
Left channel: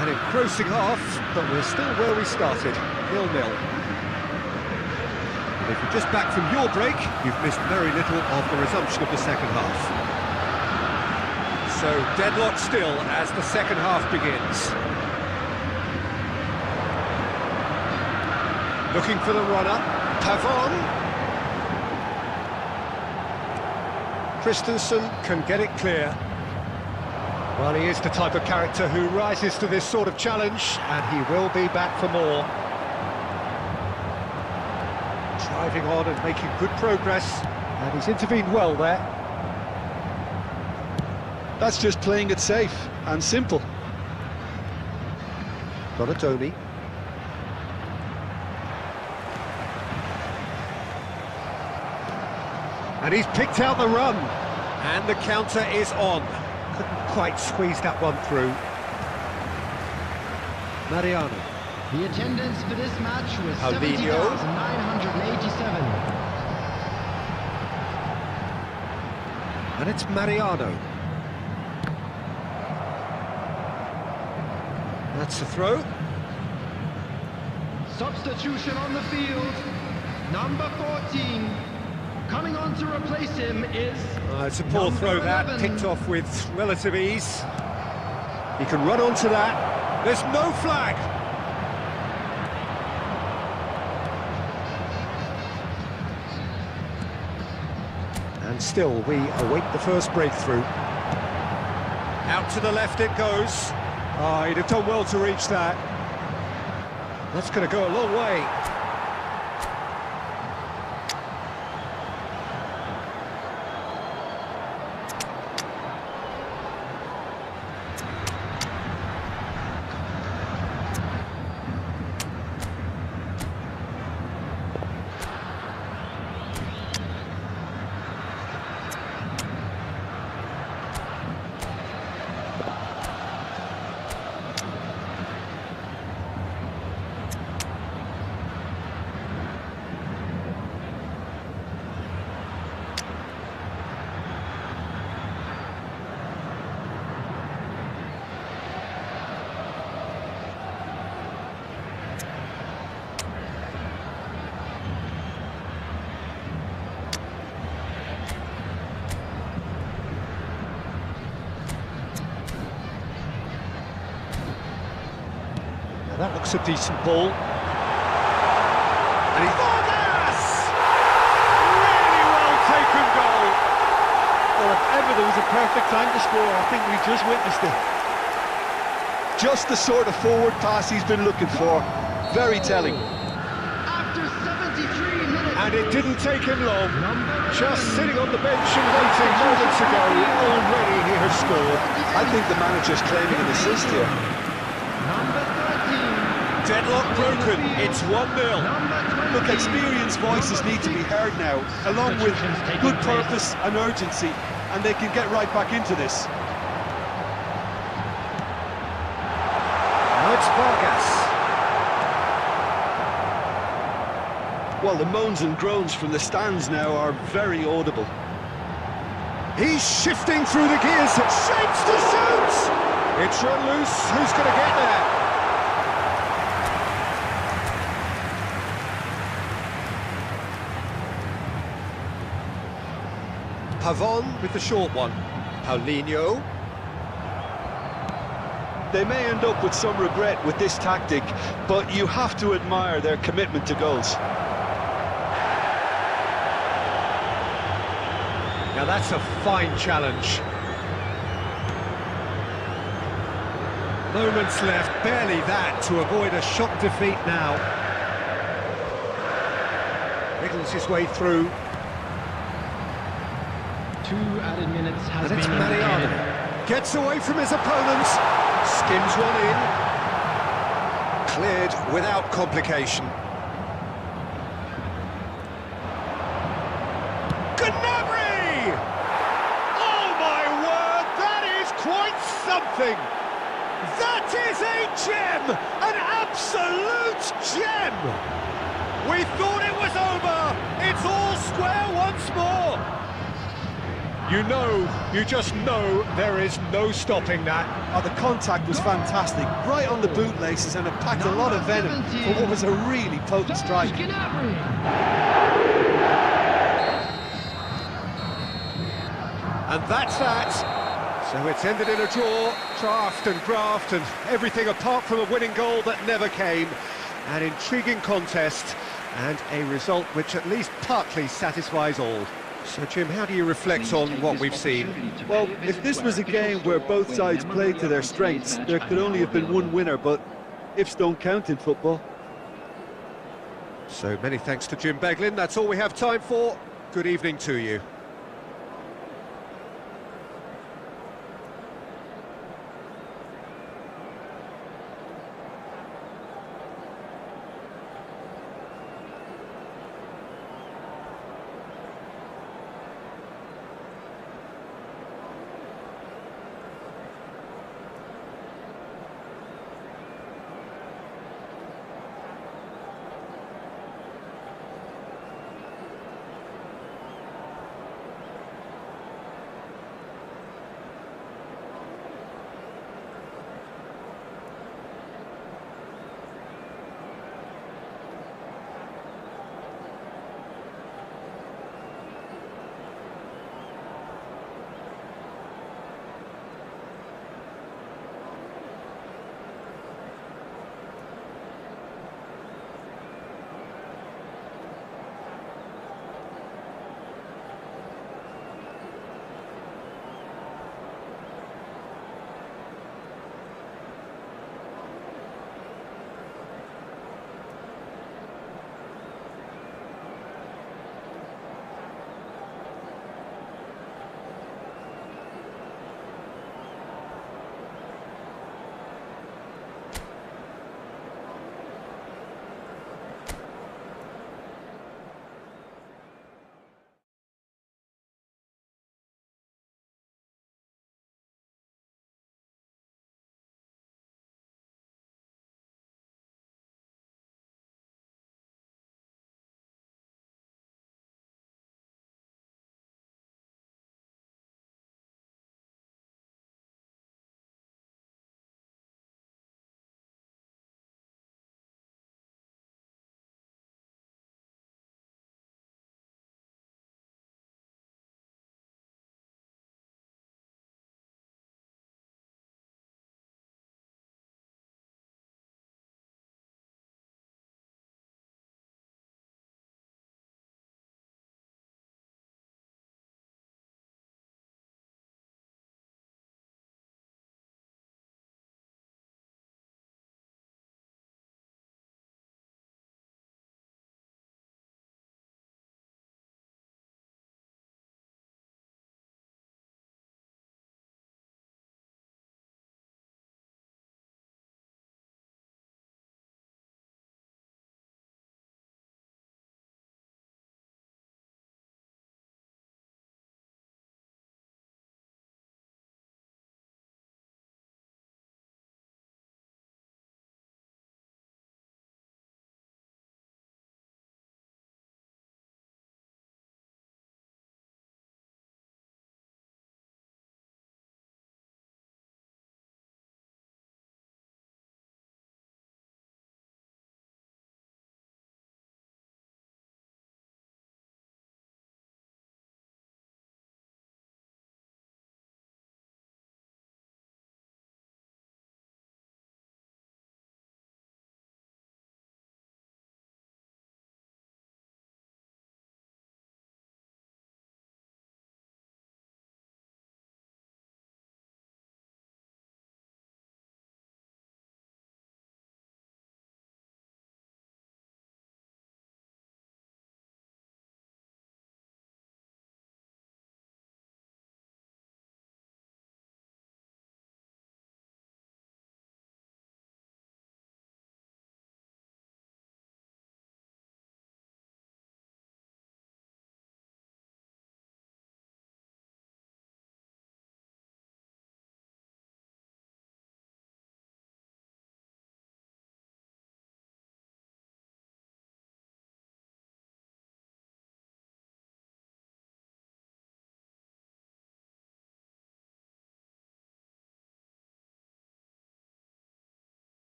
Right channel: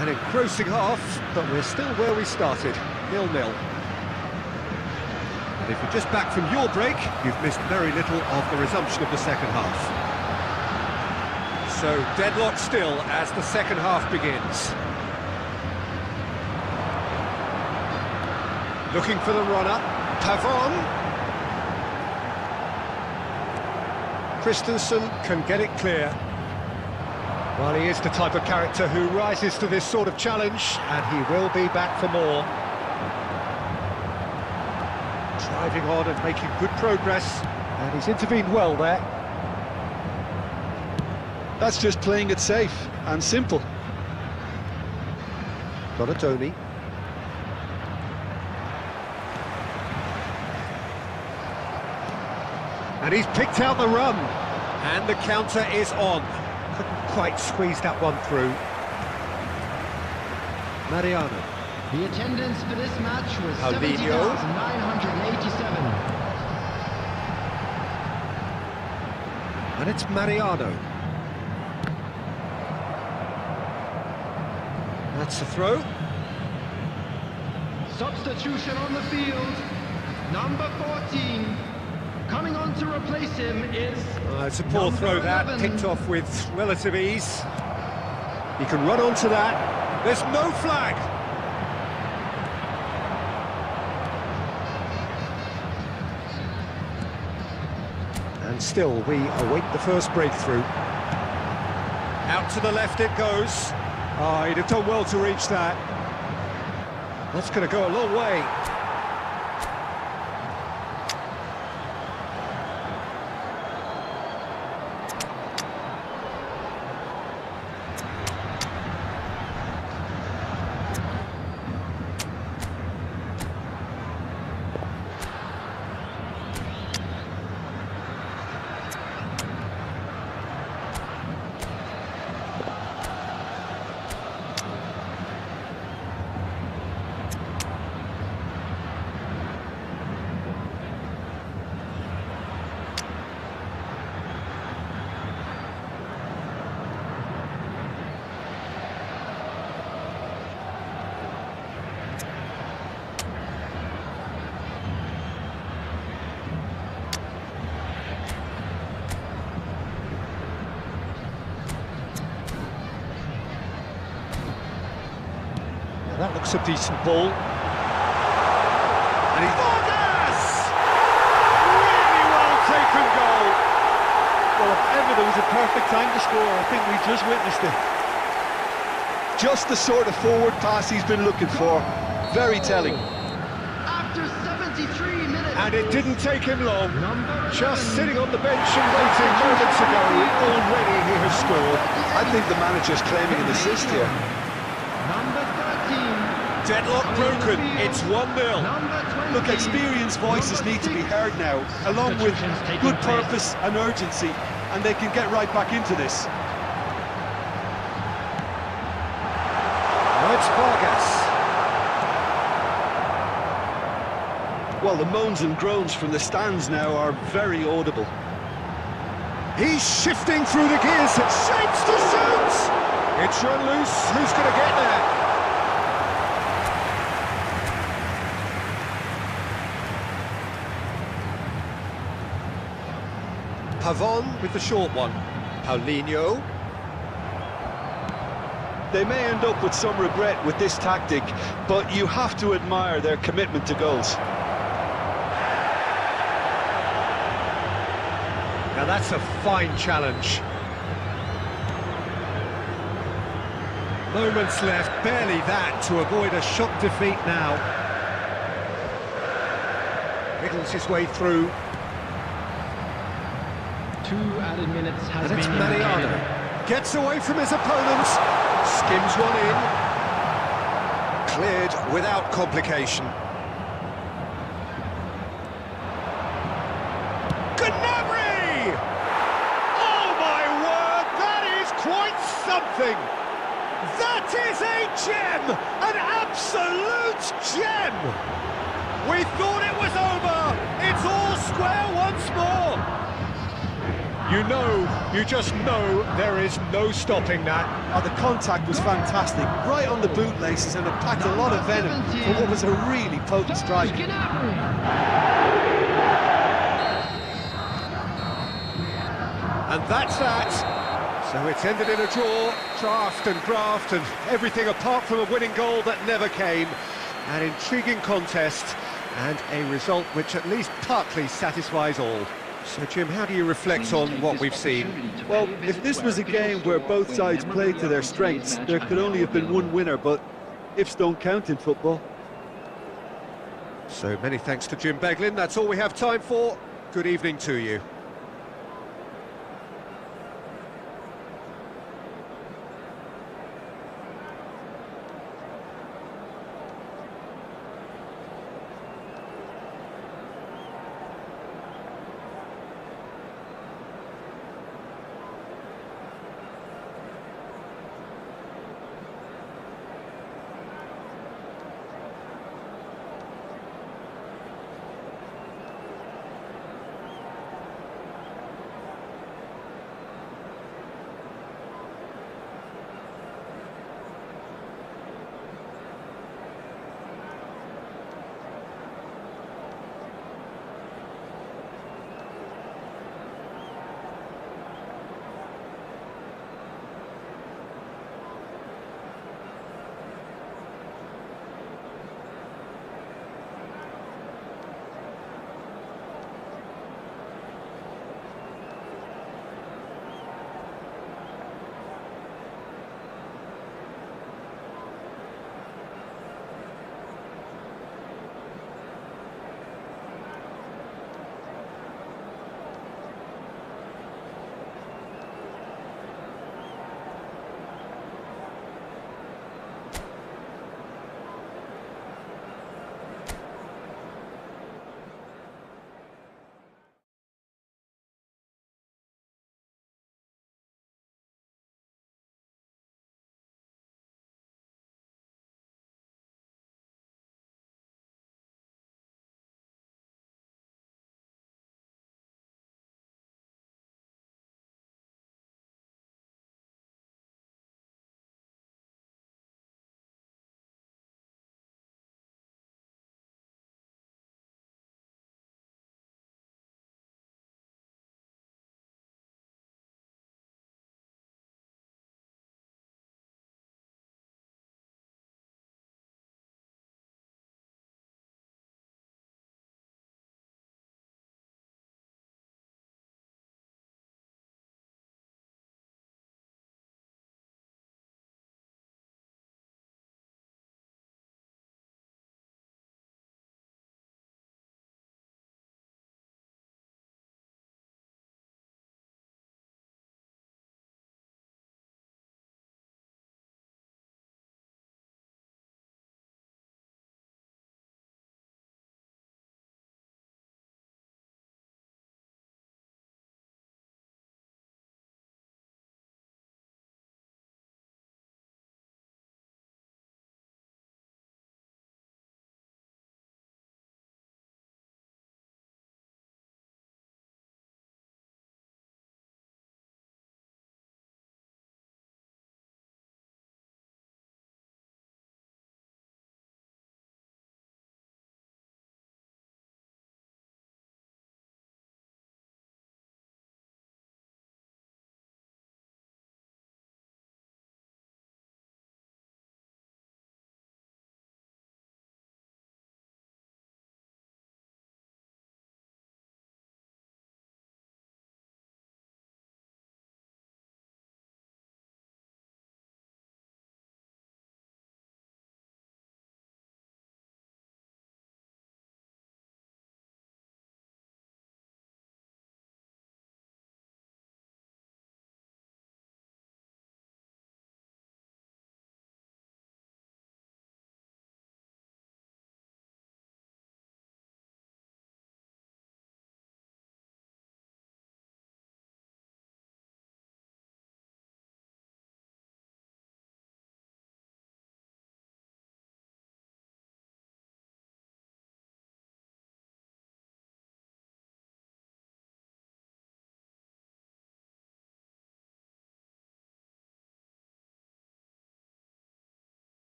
An engrossing half, but we're still where we started, 0-0. And if you're just back from your break, you've missed very little of the resumption of the second half. So, deadlock still as the second half begins. Looking for the runner, Pavon. Christensen can get it clear. Well, he is the type of character who rises to this sort of challenge, and he will be back for more. Driving on and making good progress, and he's intervened well there. That's just playing it safe and simple. Donatoni. And he's picked out the run. And the counter is on. Couldn't quite squeeze that one through. Mariano. The attendance for this match was Paulinho. 70,987. And it's Mariano. That's a throw. Substitution on the field. Number 14. Coming on to replace him is... It's a poor throw that, 11. picked off with relative ease. He can run onto that. There's no flag. And still, we await the first breakthrough. Out to the left it goes. Oh, he'd have done well to reach that. That's going to go a long way. That looks a decent ball. And he's... Vargas! Really well taken goal. Well, if ever there was a perfect time to score, I think we just witnessed it. Just the sort of forward pass he's been looking for. Very telling. After 73 minutes... And it didn't take him long. Number Just 11. sitting on the bench and waiting moments ago, already he has scored. I think the manager's claiming an assist here. Number 13. Deadlock broken, it's 1-0. Number 20. Look, experienced voices need to be heard now, along with good purpose and urgency, and they can get right back into this. Now it's Vargas. Well, the moans and groans from the stands now are very audible. He's shifting through the gears, shapes to shoot! It's run loose, who's going to get there? Pavon with the short one. Paulinho. They may end up with some regret with this tactic, but you have to admire their commitment to goals. Now that's a fine challenge. Moments left, barely that, to avoid a shock defeat now. Wriggles his way through. 2 added minutes has And it's been Mariano. indicated. Gets away from his opponents. Skims one in. Cleared without complication. Gnabry! Oh my word, that is quite something! That is a gem! An absolute gem! We thought it was over! It's it's all square once more. You just know there is no stopping that. Oh, the contact was fantastic, right on the bootlaces, and it packed a lot of venom for what was a really potent strike. And that's that. So it's ended in a draw, draft and graft and everything apart from a winning goal that never came. An intriguing contest and a result which at least partly satisfies all. So, Jim, how do you reflect on what we've seen? Well, if this was a game where both sides played to their strengths, there could only have been one winner, but ifs don't count in football. So many thanks to Jim Beglin. That's all we have time for. Good evening to you.